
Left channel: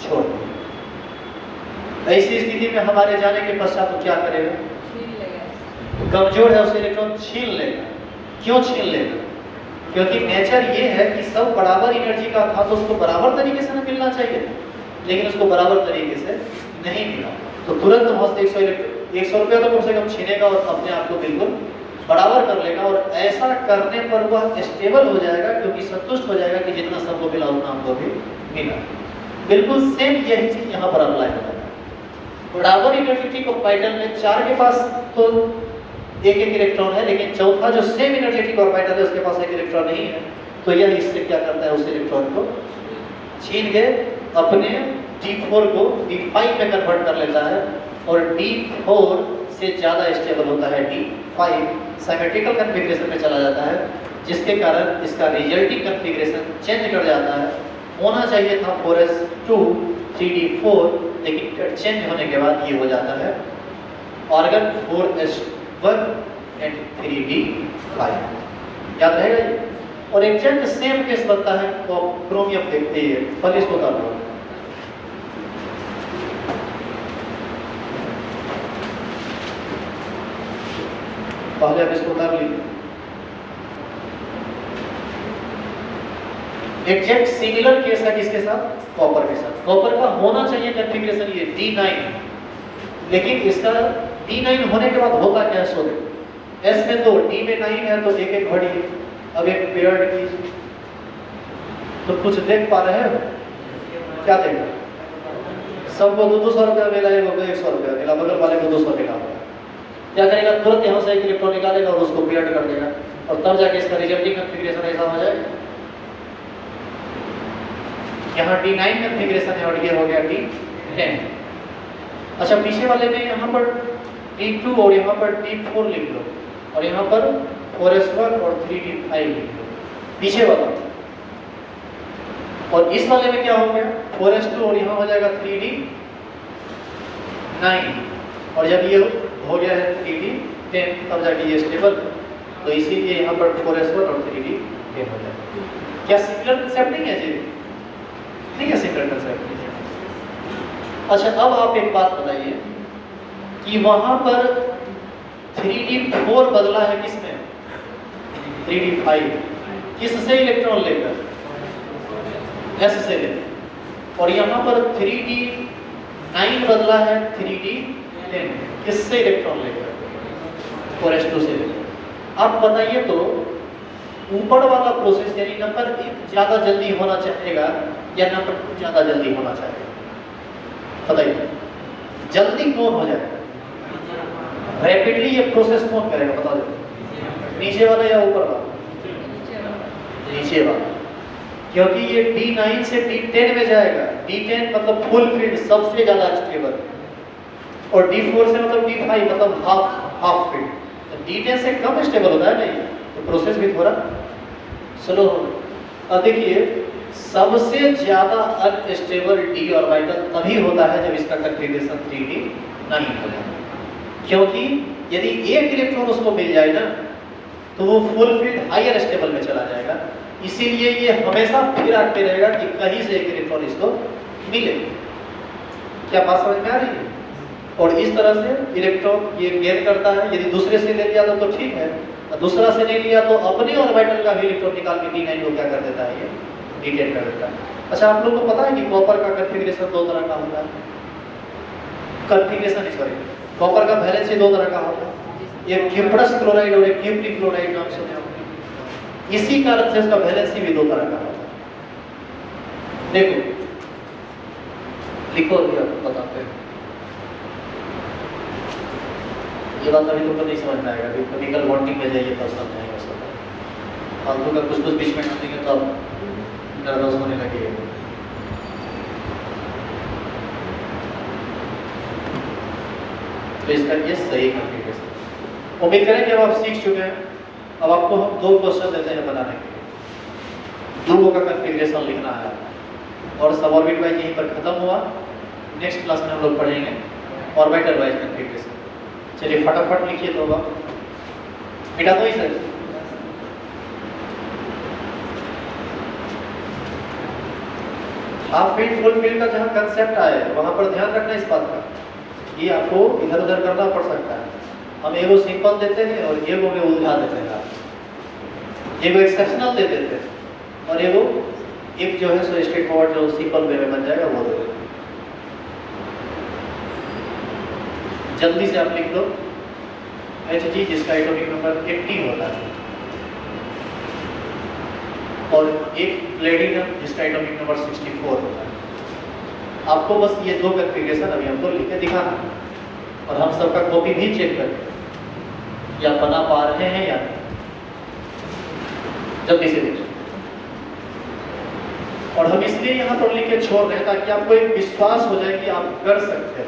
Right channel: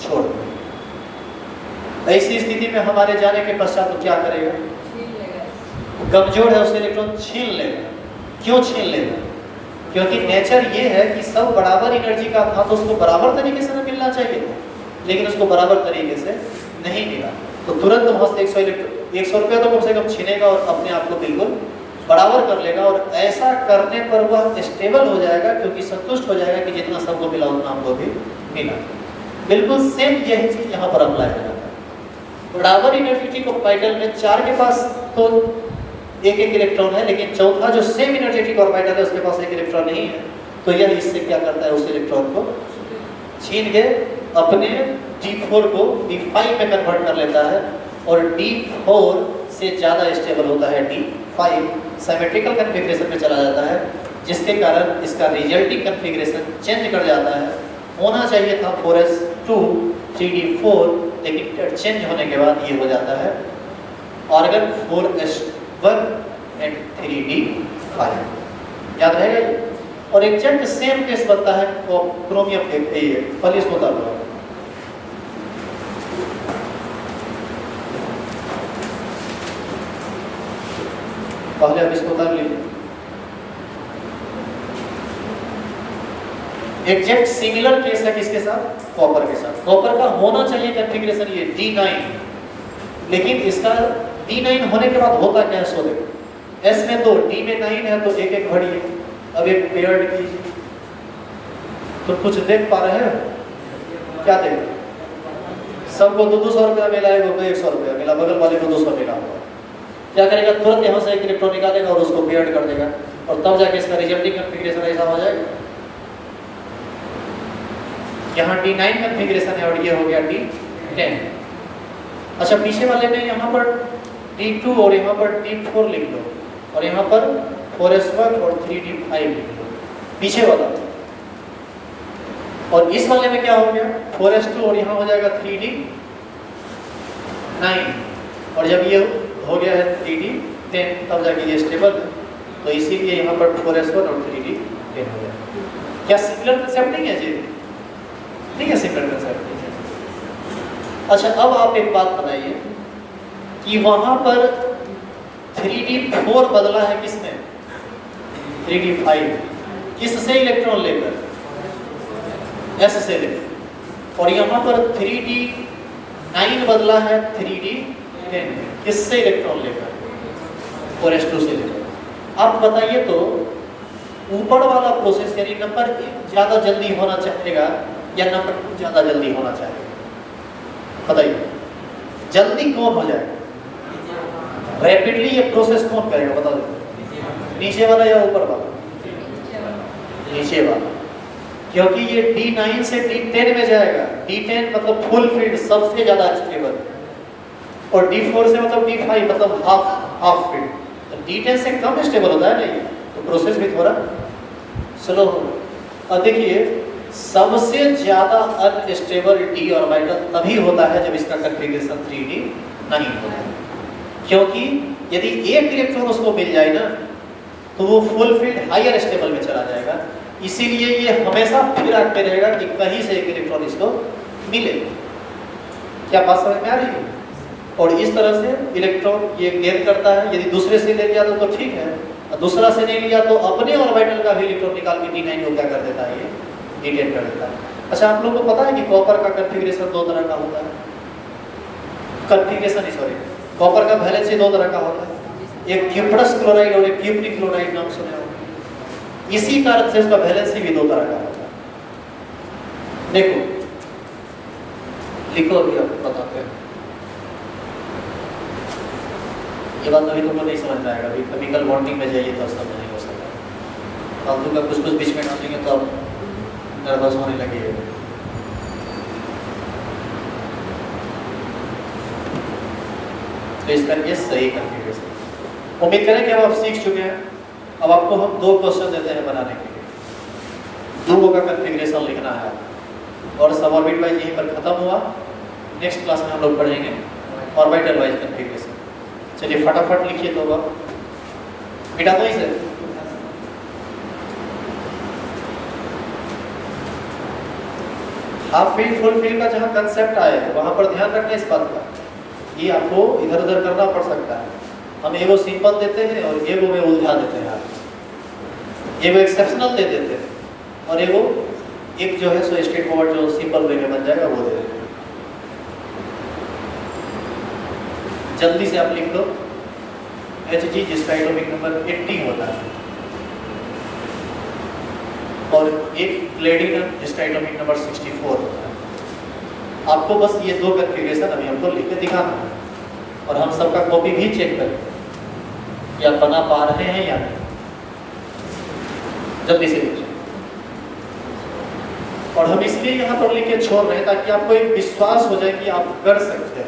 छोड़ दिए। ऐसी स्थिति में हमारे जाने के पश्चात तो क्या करेगा? कमजोर है उससे इलेक्ट्रॉन छीन लेगा। क्यों छीन लेगा? क्योंकि नेचर ये है कि सब बराबर एनर्जी का था, तो उसको बराबर तरीके से मिलना चाहिए था, लेकिन उसको बराबर तरीके से नहीं मिला, तो तुरंत वहां से 100 रुपया तो कम से कम छीनेगा और अपने आप को बिल्कुल बराबर कर लेगा। और ऐसा करने पर वह स्टेबल हो जाएगा, क्योंकि संतुष्ट हो जाएगा कि जितना सबको मिला उतना हमको भी मिला। बिल्कुल सेम यही चीज यहाँ पर अप्लाई करता है। बराबर एनर्जेटिक ऑर्बिटल में 4 के पास तो एक इलेक्ट्रॉन है, लेकिन चौथा जो सेम एनर्जेटिक ऑर्बिटल है उसके पास एक इलेक्ट्रॉन नहीं है, तो यह इससे क्या करता है, उस इलेक्ट्रॉन को छीन के अपने D4 को D5 में कन्वर्ट कर लेता है, और D4 से ज़्यादा स्टेबल होता है D5, सिमेट्रिकल कॉन्फ़िगरेशन में चला जाता है, जिसके कारण इसका रिजल्टिंग कॉन्फ़िगरेशन चेंज कर जाता है। होना चाहिए था 4s2 3d4, लेकिन चेंज होने के बाद ये हो जाता है ऑर्गन 4s1 एंड 3d5। याद रहेगा ये? और एग्जैक्ट सेम केस बनता है वो क्रोमियम देखते ही है। पहले इसको कर लो, पहले अब इसको कर लीजिए। एग्जैक्ट सिमिलर केस है किसके साथ? कॉपर के साथ। कॉपर का होना चाहिए कॉन्फ़िगरेशन ये D9, लेकिन इसका D9 होने के बाद होता क्या है सो देखो। S में 2, D में 9 है, तो एक एक भरिए। अब एक पेयर्ड कीजिए, तो कुछ देख पा रहे हो? क्या देख? सबको 200 रुपया मिला है, वो 100 रुपया मिला, बगल वाले को 200 मिला। क्या करेगा? तुरंत यहाँ से एक इलेक्ट्रॉन निकालेगा और उसको पेयर्ड कर देगा, और तब जाके इसका रिजल्टिंग कॉन्फ़िगरेशन ऐसा हो जाएगा। यहाँ D9 कॉन्फ़िगरेशन है और ये हो गया D10। अच्छा, पीछे वाले में यहाँ पर D2 और यहाँ पर D4 लिख लो, और यहाँ पर 4s1 और 3d5 लिख लो। पीछे वाला और इस वाले में क्या हो गया 4s2 और यहाँ हो जाएगा 3d9 और जब ये हो गया है 3d10 तब जाके ये स्टेबल है, तो इसीलिए यहाँ पर 4s1 और 3d10 हो जाएगा। क्या सिमिलर कंसेप्ट नहीं है जी? नहीं है सिमिलर कंसेप्ट। अच्छा अब आप एक बात बताइए कि वहां पर 3d4 बदला है किसने? 3d5 किससे इलेक्ट्रॉन लेकर? s से लेकर। और यहाँ पर 3d9 बदला है 3d10 किससे इलेक्ट्रॉन लेकर? 4s2 से लेकर। आप बताइए तो ऊपर वाला प्रोसेस यानी नंबर ज्यादा जल्दी होना चाहेगा या नंबर ज्यादा जल्दी होना चाहिए? बताइए जल्दी कौन हो जाएगा? रैपिडली ये प्रोसेस कौन करेगा? बता दो नीचे वाला या ऊपर वाला? नीचे वाला, क्योंकि ये D9 से D10 में जाएगा। D10 मतलब फुल फील्ड सबसे ज्यादा स्टेबल और D4 से मतलब D5 मतलब हाफ फील्ड। तो D10 से कम स्टेबल होता है ना ये, तो प्रोसेस भी थोड़ा स्लो हो। अब देखिए सबसे ज्यादा अनस्टेबल d ऑर्बिटल तभी होता है जब इसका कॉन्फ़िगरेशन 3d9 हो जाए, क्योंकि यदि एक इलेक्ट्रॉन उसको मिल जाए ना तो वो फुल फील्ड हायर स्टेबल में चला जाएगा। इसीलिए ये हमेशा फिराते रहेगा कि कहीं से एक इलेक्ट्रॉन इसको मिले। क्या बात समझ में आ रही है? और इस तरह से इलेक्ट्रॉन ये गेन करता है। यदि दूसरे से ले लिया तो ठीक है, और दूसरा से नहीं लिया तो अपने ऑर्बिटल का भी इलेक्ट्रॉन निकाल के D9 को क्या कर देता है? ये D10 कर देता है। अच्छा आप लोगों को पता है कि कॉपर का कॉन्फ़िगरेशन दो तरह का होता है? कॉन्फ़िगरेशन सॉरी कॉपर का वैलेंसी दो तरह का होता है, एक क्यूप्रस क्लोराइड और एक क्यूप्रिक क्लोराइड नाम सुने होंगे। इसी कारण से उसका वैलेंसी भी दो तरह का होता है। देखो लिखो भी आप बताते हैं। ये बात अभी तुमको नहीं समझ में आएगा, अभी केमिकल बॉन्डिंग में जाइए तो समझ नहीं हो सकता। फालतू का कुछ बीच में डालेंगे तो नर्वस होने लगेगा। तो इसका ये सही कॉन्फ़िगरेशन। उम्मीद करें कि अब आप सीख चुके हैं। अब आपको हम दो क्वेश्चन देते हैं बनाने के लिए। ध्रुवों का कॉन्फ़िगरेशन लिखना है और सब ऑर्बिट वाइज यहीं पर खत्म हुआ। नेक्स्ट क्लास में हम लोग पढ़ेंगे ऑर्बिटल वाइज कॉन्फ़िगरेशन। चलिए फटाफट लिखिए तो मिटा दो इसे। हाफ फील्ड फुल फील्ड का जहां कंसेप्ट आएगा वहां पर ध्यान रखना इस बात का। ये आपको इधर उधर करना पड़ सकता है। हम एगो सिंपल देते हैं और एगो में उलझा देते हैं, एगो एक्सेप्शनल दे देते हैं और एगो एक जो है सो स्ट्रेट फॉरवर्ड जो सिंपल वे में बन जाएगा वो दे देते हैं। जल्दी से आप लिख लो Hg जिसका एटॉमिक नंबर 80 होता है और एक प्लेटिनम जिसका एटॉमिक नंबर 64 होता है। आपको बस ये दो कॉन्फ़िगरेशन अभी हमको लिख के दिखाना है और हम सबका कॉपी भी चेक करें कि आप बना पा रहे हैं या नहीं। जल्दी से देखिए। और हम इसलिए यहाँ पर लिख के छोड़ रहे हैं ताकि आपको एक विश्वास हो जाए कि आप कर सकते हो।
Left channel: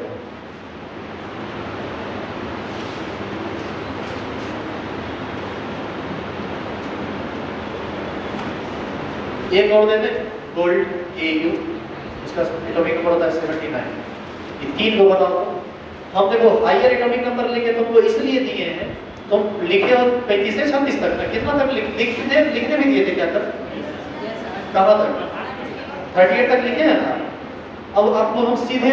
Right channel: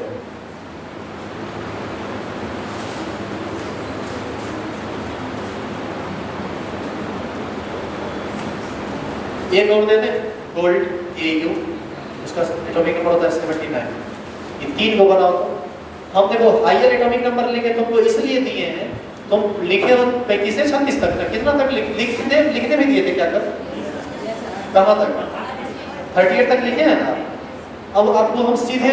एक और दे दें गोल्ड AU, इसका एटॉमिक नंबर होता है 79। ये तीन को बताओ। हम देखो हायर एटॉमिक नंबर लेके तुमको इसलिए दिए हैं, तुम लिखे हो 35 से 36 तक ना, कितना तक लिखने भी दिए थे क्या कर? कहाँ तक? 38 तक लिखे हैं ना। अब आपको हम सीधे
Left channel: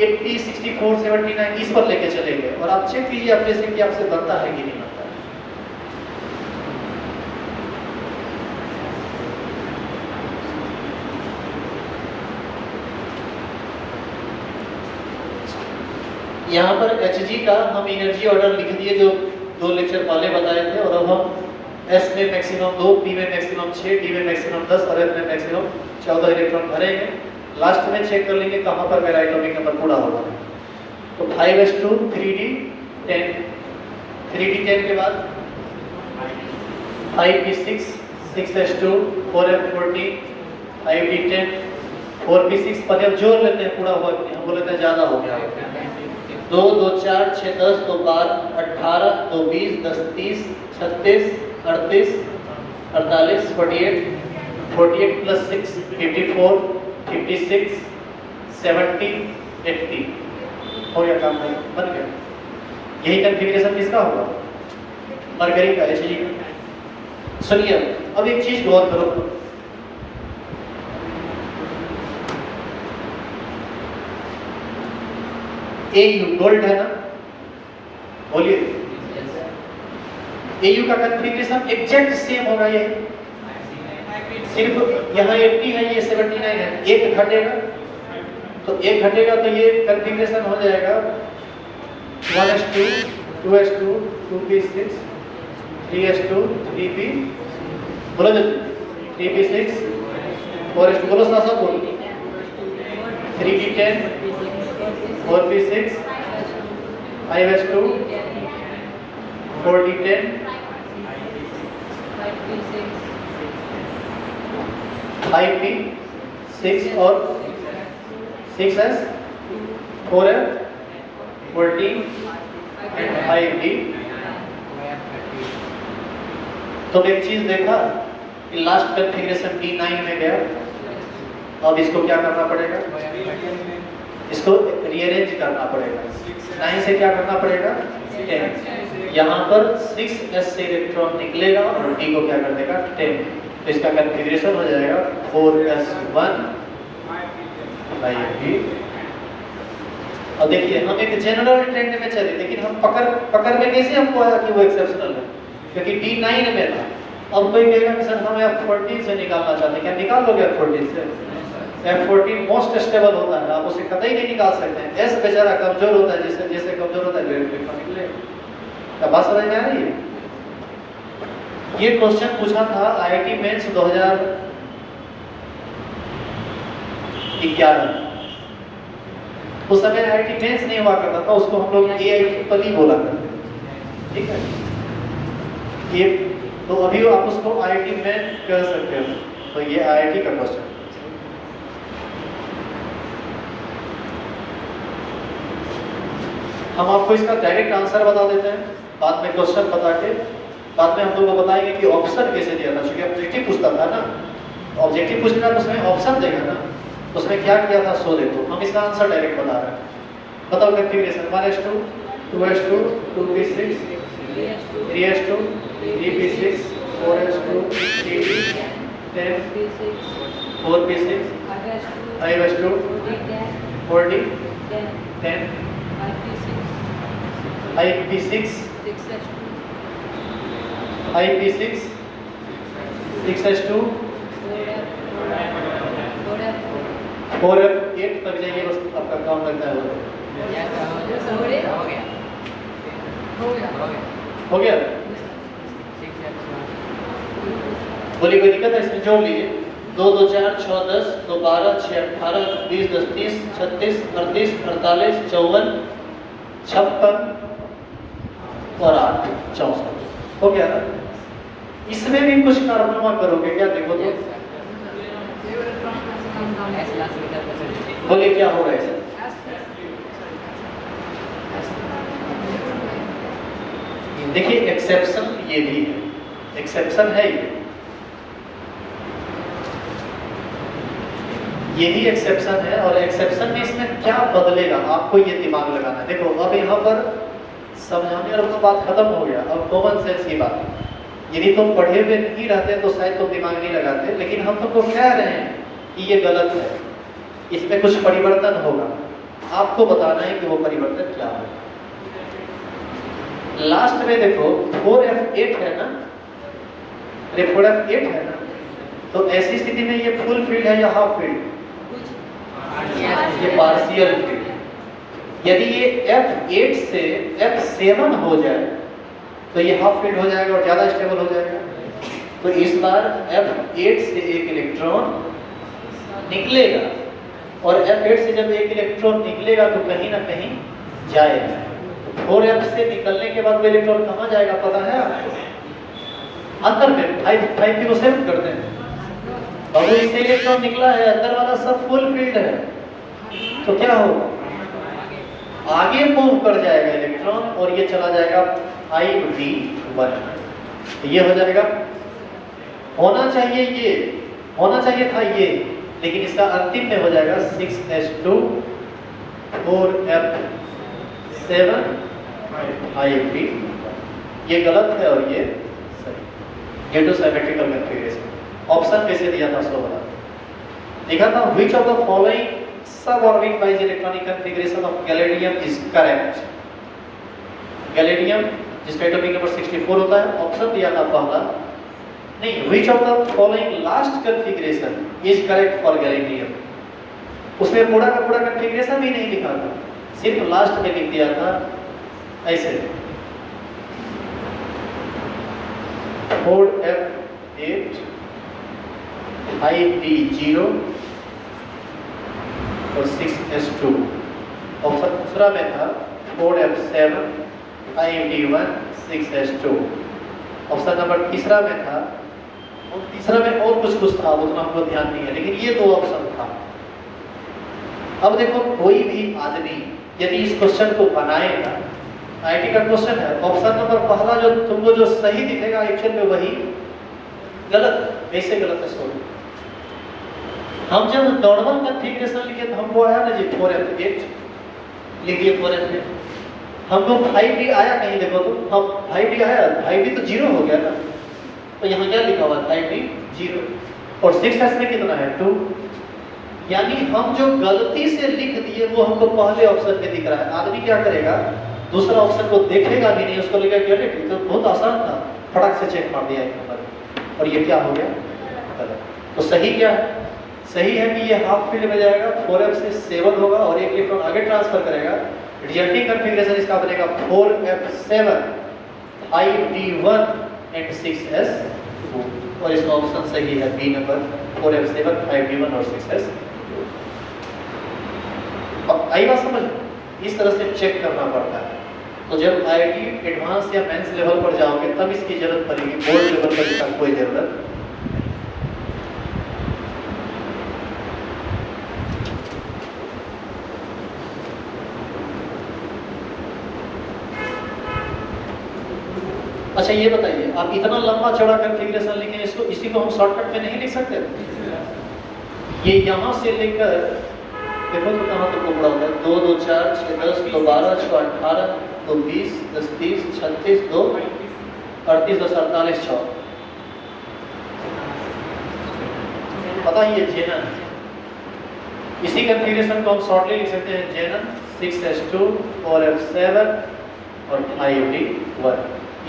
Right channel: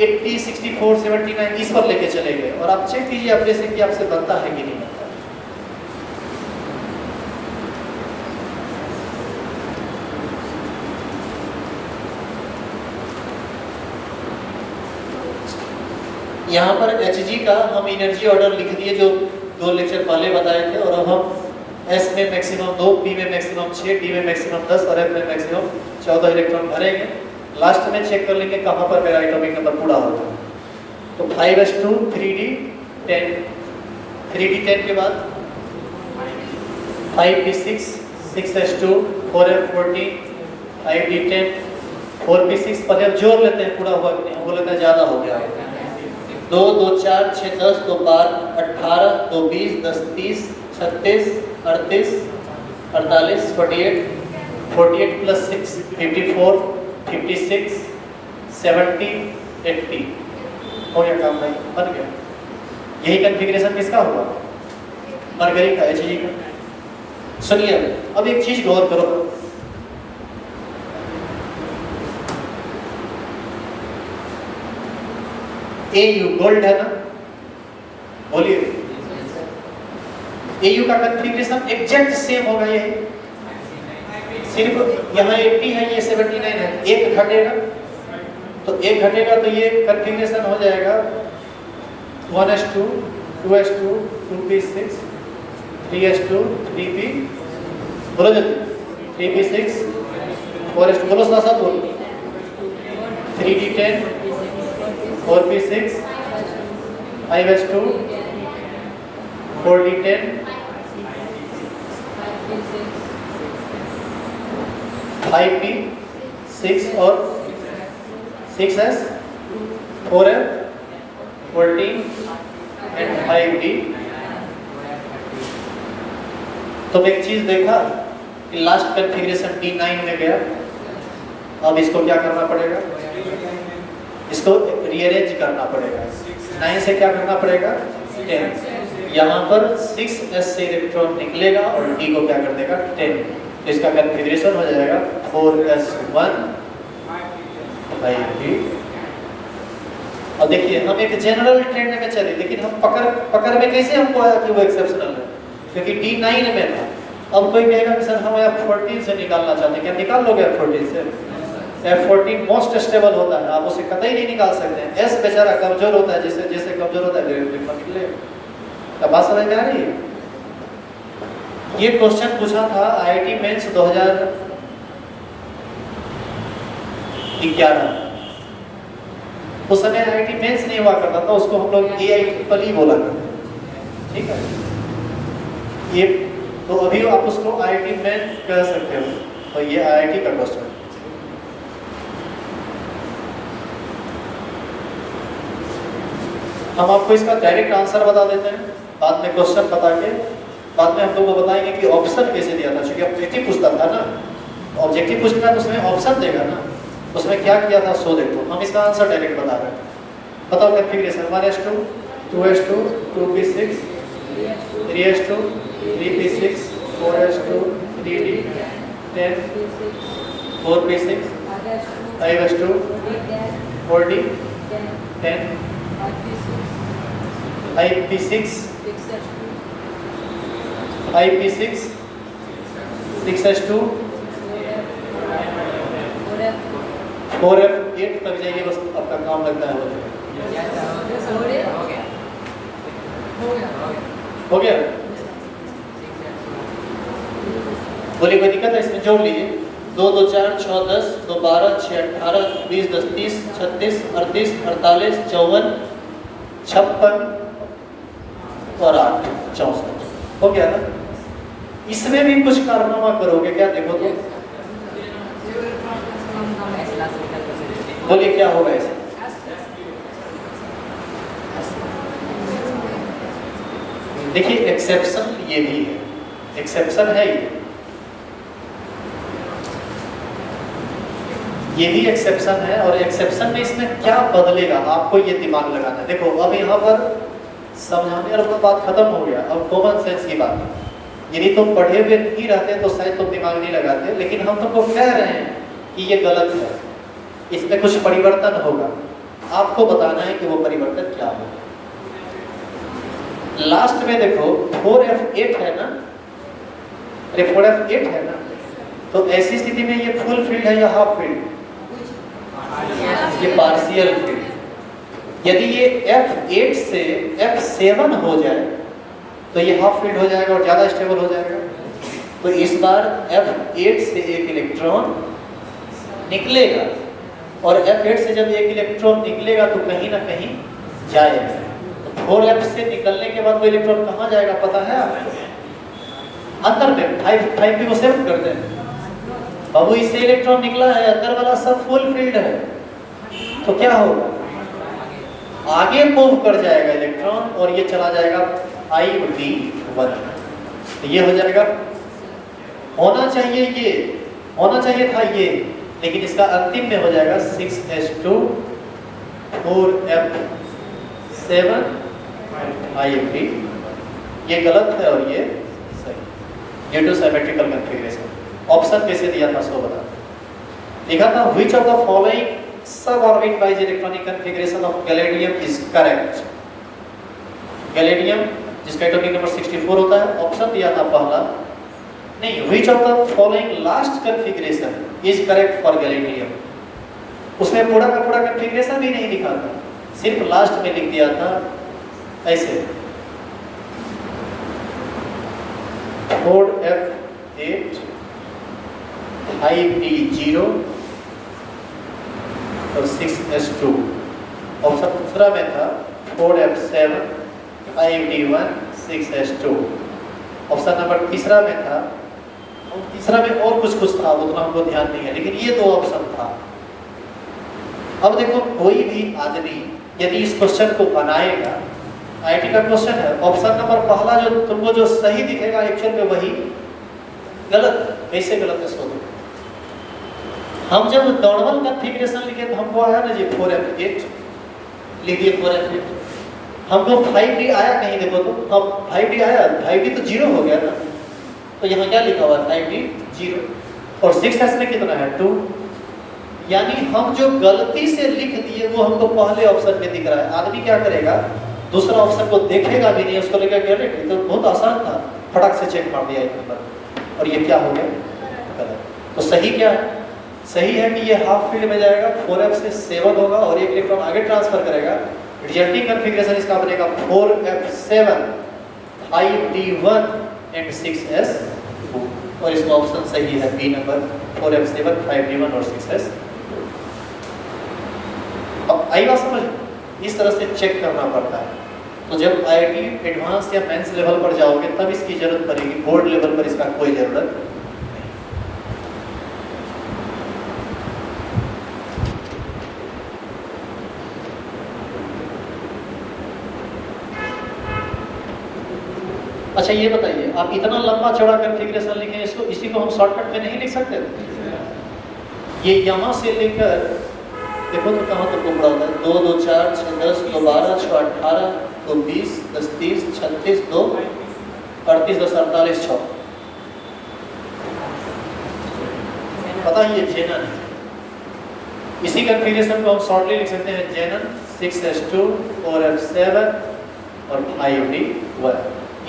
80, 64, 79 इस पर लेके चलेंगे और आप चेक कीजिए अपने से कि आपसे बनता है कि नहीं बनता। यहाँ पर Hg का हम एनर्जी ऑर्डर लिख दिए जो 2 लेक्चर पहले बताए थे और अब हम S में मैक्सिमम 2, P में मैक्सिमम 6, D में मैक्सिमम 10 और F में मैक्सिमम 14 इलेक्ट्रॉन भरेंगे। लास्ट में चेक कर लेंगे कहाँ पर मेरा एटॉमिक नंबर पूरा होगा। तो 5s2 3d10, 3d10 के बाद 5p6, 6s2 4f14, 5d10, 4p6 पर अब जोड़ लेते हैं पूरा हुआ कि हम बोलते हैं ज़्यादा हो गया है। 2, 2, 4, 6, 10, 2, 12, 18, 2, 20, 10, 30, 36, 38, 48, 48, 48 प्लस 6 54 56 70 80 हो गया काम बन गया। यही कॉन्फ़िगरेशन किसका होगा? मरकरी का, Hg का। सुनिए अब एक चीज गौर करो, Au गोल्ड है ना, बोलिए Au का कॉन्फ़िगरेशन एग्जैक्ट सेम होगा, यही सिर्फ यहाँ 80 है, ये 79 है, एक घटेगा तो ये कॉन्फ़िगरेशन हो जाएगा 1s2 2s2 2p6 3s2 3p बोलो जल्दी 3p6 4s2 बोलो साथ साथ बोलो 3p10 4p6 5s2 4d10 5p6 और 6s 4f 14 एंड 5d। तो एक चीज देखा कि लास्ट कॉन्फ़िगरेशन D9 में गया, अब इसको क्या करना पड़ेगा? इसको रीअरेंज करना पड़ेगा। 9 से क्या करना पड़ेगा? 10। यहाँ पर 6s से इलेक्ट्रॉन निकलेगा और D को क्या कर देगा? 10। तो इसका कॉन्फ़िगरेशन हो जाएगा 4s1 5p। और देखिए हम एक जनरल ट्रेंड में चले, लेकिन हम पकड़ में कैसे हमको आया कि वो एक्सेप्शनल है, क्योंकि D9 में था। अब कोई कहेगा कि सर हम F14 से निकालना चाहते हैं, क्या निकाल लोगे F14 से? F14 मोस्ट स्टेबल होता है, आप उसे कतई नहीं निकाल सकते हैं। S बेचारा कमजोर होता है, जैसे कमजोर होता है ग्रेड में निकलेगा। बात समझ में आ रही है? ये क्वेश्चन पूछा था IIT मेंस 2011, उस समय IIT मेंस नहीं हुआ करता था, उसको हम लोग AITREE बोला करते, ठीक है? ये तो अभी आप उसको IIT मेंस कह सकते हो, तो ये IIT का क्वेश्चन। हम आपको इसका डायरेक्ट आंसर बता देते हैं, बाद में क्वेश्चन बता के बाद में हम लोगों को बताएंगे कि ऑप्शन कैसे दिया था, क्योंकि ऑब्जेक्टिव पूछता था ना, ऑब्जेक्टिव पूछना तो उसमें ऑप्शन देगा ना, उसमें क्या किया था सो देखो। हम इसका आंसर डायरेक्ट बता रहे हैं। बताओ configuration 1s2 2s2 2p6 3s2 3p6 4s2 3p10 4p6 5s2 4d 10 5p6 5p6 6s2 4f 8 तक जाएंगे, बस आपका काम लगता है हो गया। बोलिए कोई दिक्कत है इसमें? जोड़ लीजिए 2 2 4 6 10 2 12 6 18 20 10 30 36 38 48 54 56 और 8 64 हो गया ना? इसमें भी कुछ कारनामा करोगे क्या? देखो तो बोलिए क्या होगा इसमें? देखिए एक्सेप्शन ये भी है, एक्सेप्शन है ये भी एक्सेप्शन है, और एक्सेप्शन में इसमें क्या बदलेगा आपको ये दिमाग लगाना है। देखो अब यहाँ पर समझाने वाला बात खत्म हो गया, अब कॉमन सेंस की बात है। यदि तुम पढ़े हुए नहीं रहते तो शायद तुम दिमाग नहीं लगाते, लेकिन हम तुमको कह रहे हैं कि ये गलत है, इसमें कुछ परिवर्तन होगा, आपको बताना है कि वो परिवर्तन क्या होगा। लास्ट में देखो 4f8 है ना, अरे 4f8 है ना, तो ऐसी स्थिति में ये फुल फील्ड है या हाफ फील्ड? ये पार्शियल फील्ड। यदि ये f8 से f7 हो जाए तो ये हाफ फील्ड हो जाएगा और ज्यादा स्टेबल हो जाएगा। तो इस बार f8 से एक इलेक्ट्रॉन निकलेगा, और f8 से जब एक इलेक्ट्रॉन निकलेगा तो कहीं ना कहीं जाएगा। 4f से निकलने के बाद वो इलेक्ट्रॉन कहाँ जाएगा पता है आपको? अंदर में 5p को सेव करते हैं, और वो इससे इलेक्ट्रॉन निकला है, अंदर वाला सब फुल फील्ड है, तो क्या होगा? आगे मूव कर जाएगा इलेक्ट्रॉन और ये चला जाएगा I-D1। तो ये हो जाएगा, होना चाहिए ये होना चाहिए था ये, लेकिन इसका अंतिम में हो जाएगा 6s2 4f7 5d। ये गलत है और ये सही, due to symmetrical configuration. Option कैसे दिया था सो बता, लिखा था which of the following suborbit wise electronic configuration of gallium is correct. Gallium जिसका एटॉमिक नंबर 64 होता है, ऑप्शन दिया था पहला नहीं, which of the following last configuration is correct for gallium. उसमें पूरा का पूरा कॉन्फ़िगरेशन भी नहीं लिखा था, सिर्फ लास्ट में लिख दिया था ऐसे 4f8 5d0 और 6s2। ऑप्शन दूसरा में था 4f7 5d1 6s2। Option number तीसरा में था, और तीसरा में और कुछ था, उतना हमको ध्यान नहीं है, लेकिन ये दो ऑप्शन था। अब देखो कोई भी आदमी यदि इस क्वेश्चन को बनाएगा, आईटी का क्वेश्चन है, ऑप्शन नंबर पहला जो तुमको जो सही दिखेगा एक्चुअल में वही गलत। कैसे गलत है सो, हम जब नॉर्मल कॉन्फ़िगरेशन लिखे तो हमको आया ना जी 4f8 लिखिए 4f8, हमको 5d आया कहीं देखो तो, हम 5d आया, 5d तो 0 हो गया ना, तो यहाँ क्या लिखा हुआ है 5d 0 और 6s में कितना है 2, यानी हम जो गलती से लिख दिए वो हमको पहले ऑप्शन में दिख रहा है। आदमी क्या करेगा, दूसरा ऑप्शन को देखेगा भी नहीं, उसको लेकर गलत, तो बहुत आसान था, फटाक से चेक मार दिया एक नंबर, और ये क्या हो गया गलत। तो सही क्या है, सही है कि ये हाफ फील्ड में जाएगा, 4f से 7 होगा और एक इलेक्ट्रॉन आगे ट्रांसफर करेगा। रिजल्टिंग कॉन्फ़िगरेशन इसका बनेगा 4f7 5d1 एंड 6s, और इसका ऑप्शन सही है बी नंबर 4f7 5d1 और 6s। अब आई बात समझ, इस तरह से चेक करना पड़ता है। तो जब आईआईटी एडवांस या मेंस लेवल पर जाओगे तब इसकी जरूरत पड़ेगी, बोर्ड लेवल पर इसका कोई जरूरत नहीं। अच्छा ये बताइए, आप इतना लंबा चौड़ा कॉन्फ़िगरेशन लिखे, इसको इसी को हम शॉर्टकट में नहीं लिख सकते? ये यहाँ से लेकर देखो तो कहाँ तक टुकड़ा होता है, 2 2 4 6 10 2 12 6 18 2 20 10 30 36 2 38 10 48 6। पता है ये जेनन, इसी कॉन्फ़िगरेशन को हम शॉर्टली लिख सकते हैं जेनन 6s2 4f7 और 5d1।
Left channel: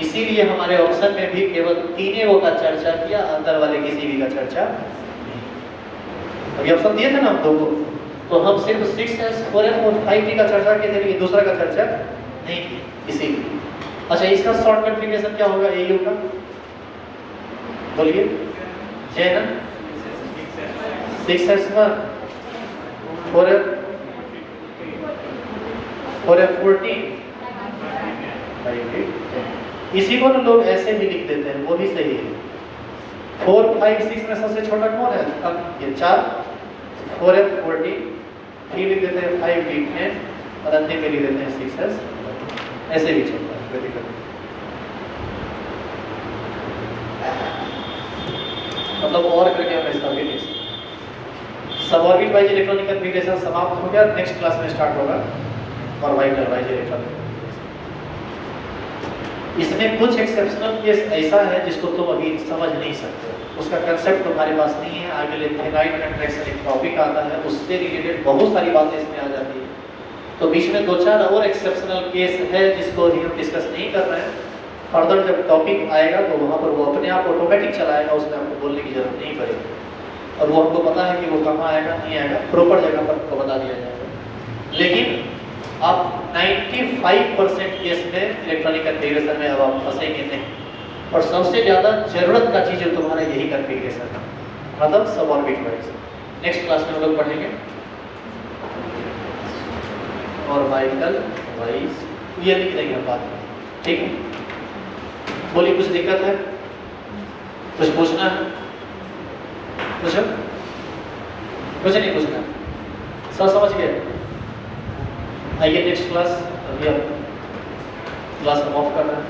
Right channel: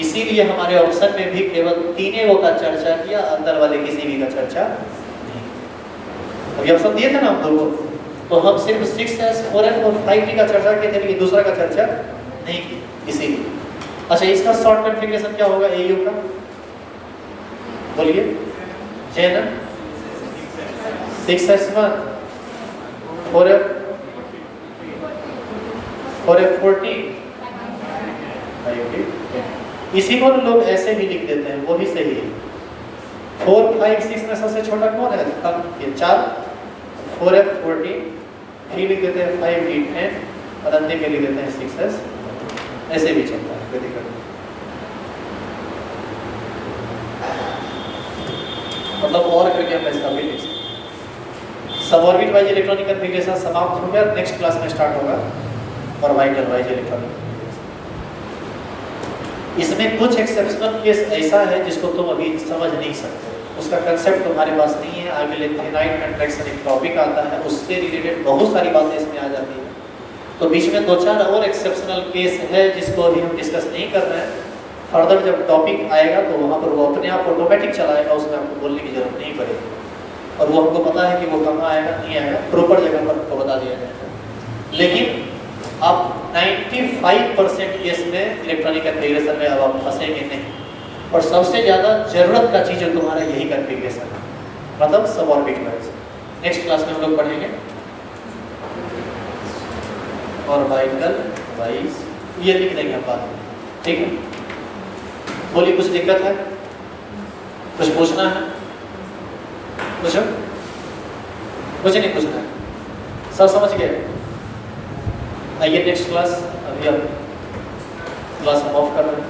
इसीलिए हमारे ऑप्शन में भी केवल तीनों का चर्चा किया, अंदर वाले किसी भी का चर्चा नहीं। अभी ऑप्शन दिए थे ना हम दो को, तो हम सिर्फ 6s 4f और 5d का चर्चा किए थे, लेकिन दूसरा का चर्चा नहीं की, इसीलिए। अच्छा इसका शॉर्ट कॉन्फ़िगरेशन क्या होगा AU का, बोलिए जेनन 6s1 4f14 5d। इसी को लोग ऐसे भी लिख देते हैं, वो भी सही है। 4 5 6 में सबसे छोटा कौन है, अब ये 4 4f14, फिर लिख देते हैं 5d10 और अंतिम में लिख देते हैं 6s। ऐसे भी चलता है, कोई दिक्कत नहीं। मतलब और करके हम इसका भी लिख सकते हैं। सबऑर्बिट वाइज इलेक्ट्रॉनिक कॉन्फ़िगरेशन समाप्त हो गया, नेक्स्ट क्लास में स्टार्ट होगा ऑर्बिटल वाइज इलेक्ट्रॉनिक। इसमें कुछ एक्सेप्शनल केस ऐसा है जिसको तुम अभी समझ नहीं सकते, उसका कंसेप्ट तुम्हारे पास नहीं है। आगे लिथेनाइट कंट्रैक्शन एक टॉपिक आता है, उससे रिलेटेड बहुत सारी बातें इसमें आ जाती है। तो बीच में 2-4 और एक्सेप्शनल केस है जिसको अभी हम डिस्कस नहीं कर रहे हैं। फर्दर जब टॉपिक आएगा तो वहाँ पर वो अपने आप ऑटोमेटिक चलाएगा, उसमें आपको बोलने की जरूरत नहीं पड़ेगी, और वो हमको पता है कि वो कहाँ आएगा नहीं आएगा, प्रॉपर जगह पर आपको बता दिया जाएगा। लेकिन आप 95% केस में इलेक्ट्रॉनिक कॉन्फ़िगरेशन में अब आप फंसेंगे नहीं, और सबसे ज़्यादा जरूरत का चीज़ तुम्हारा यही कॉन्फ़िगरेशन है, मतलब सबऑर्बिट वाइज। नेक्स्ट क्लास में हम लोग पढ़ेंगे ऑर्बिटल वाइज, ये लिख देंगे बाद में, ठीक है। बोलिए कुछ दिक्कत है, कुछ पूछना है, कुछ नहीं पूछना है, सब समझ गए? आइए नेक्स्ट क्लास, अभी अब क्लास हम ऑफ कर रहे हैं।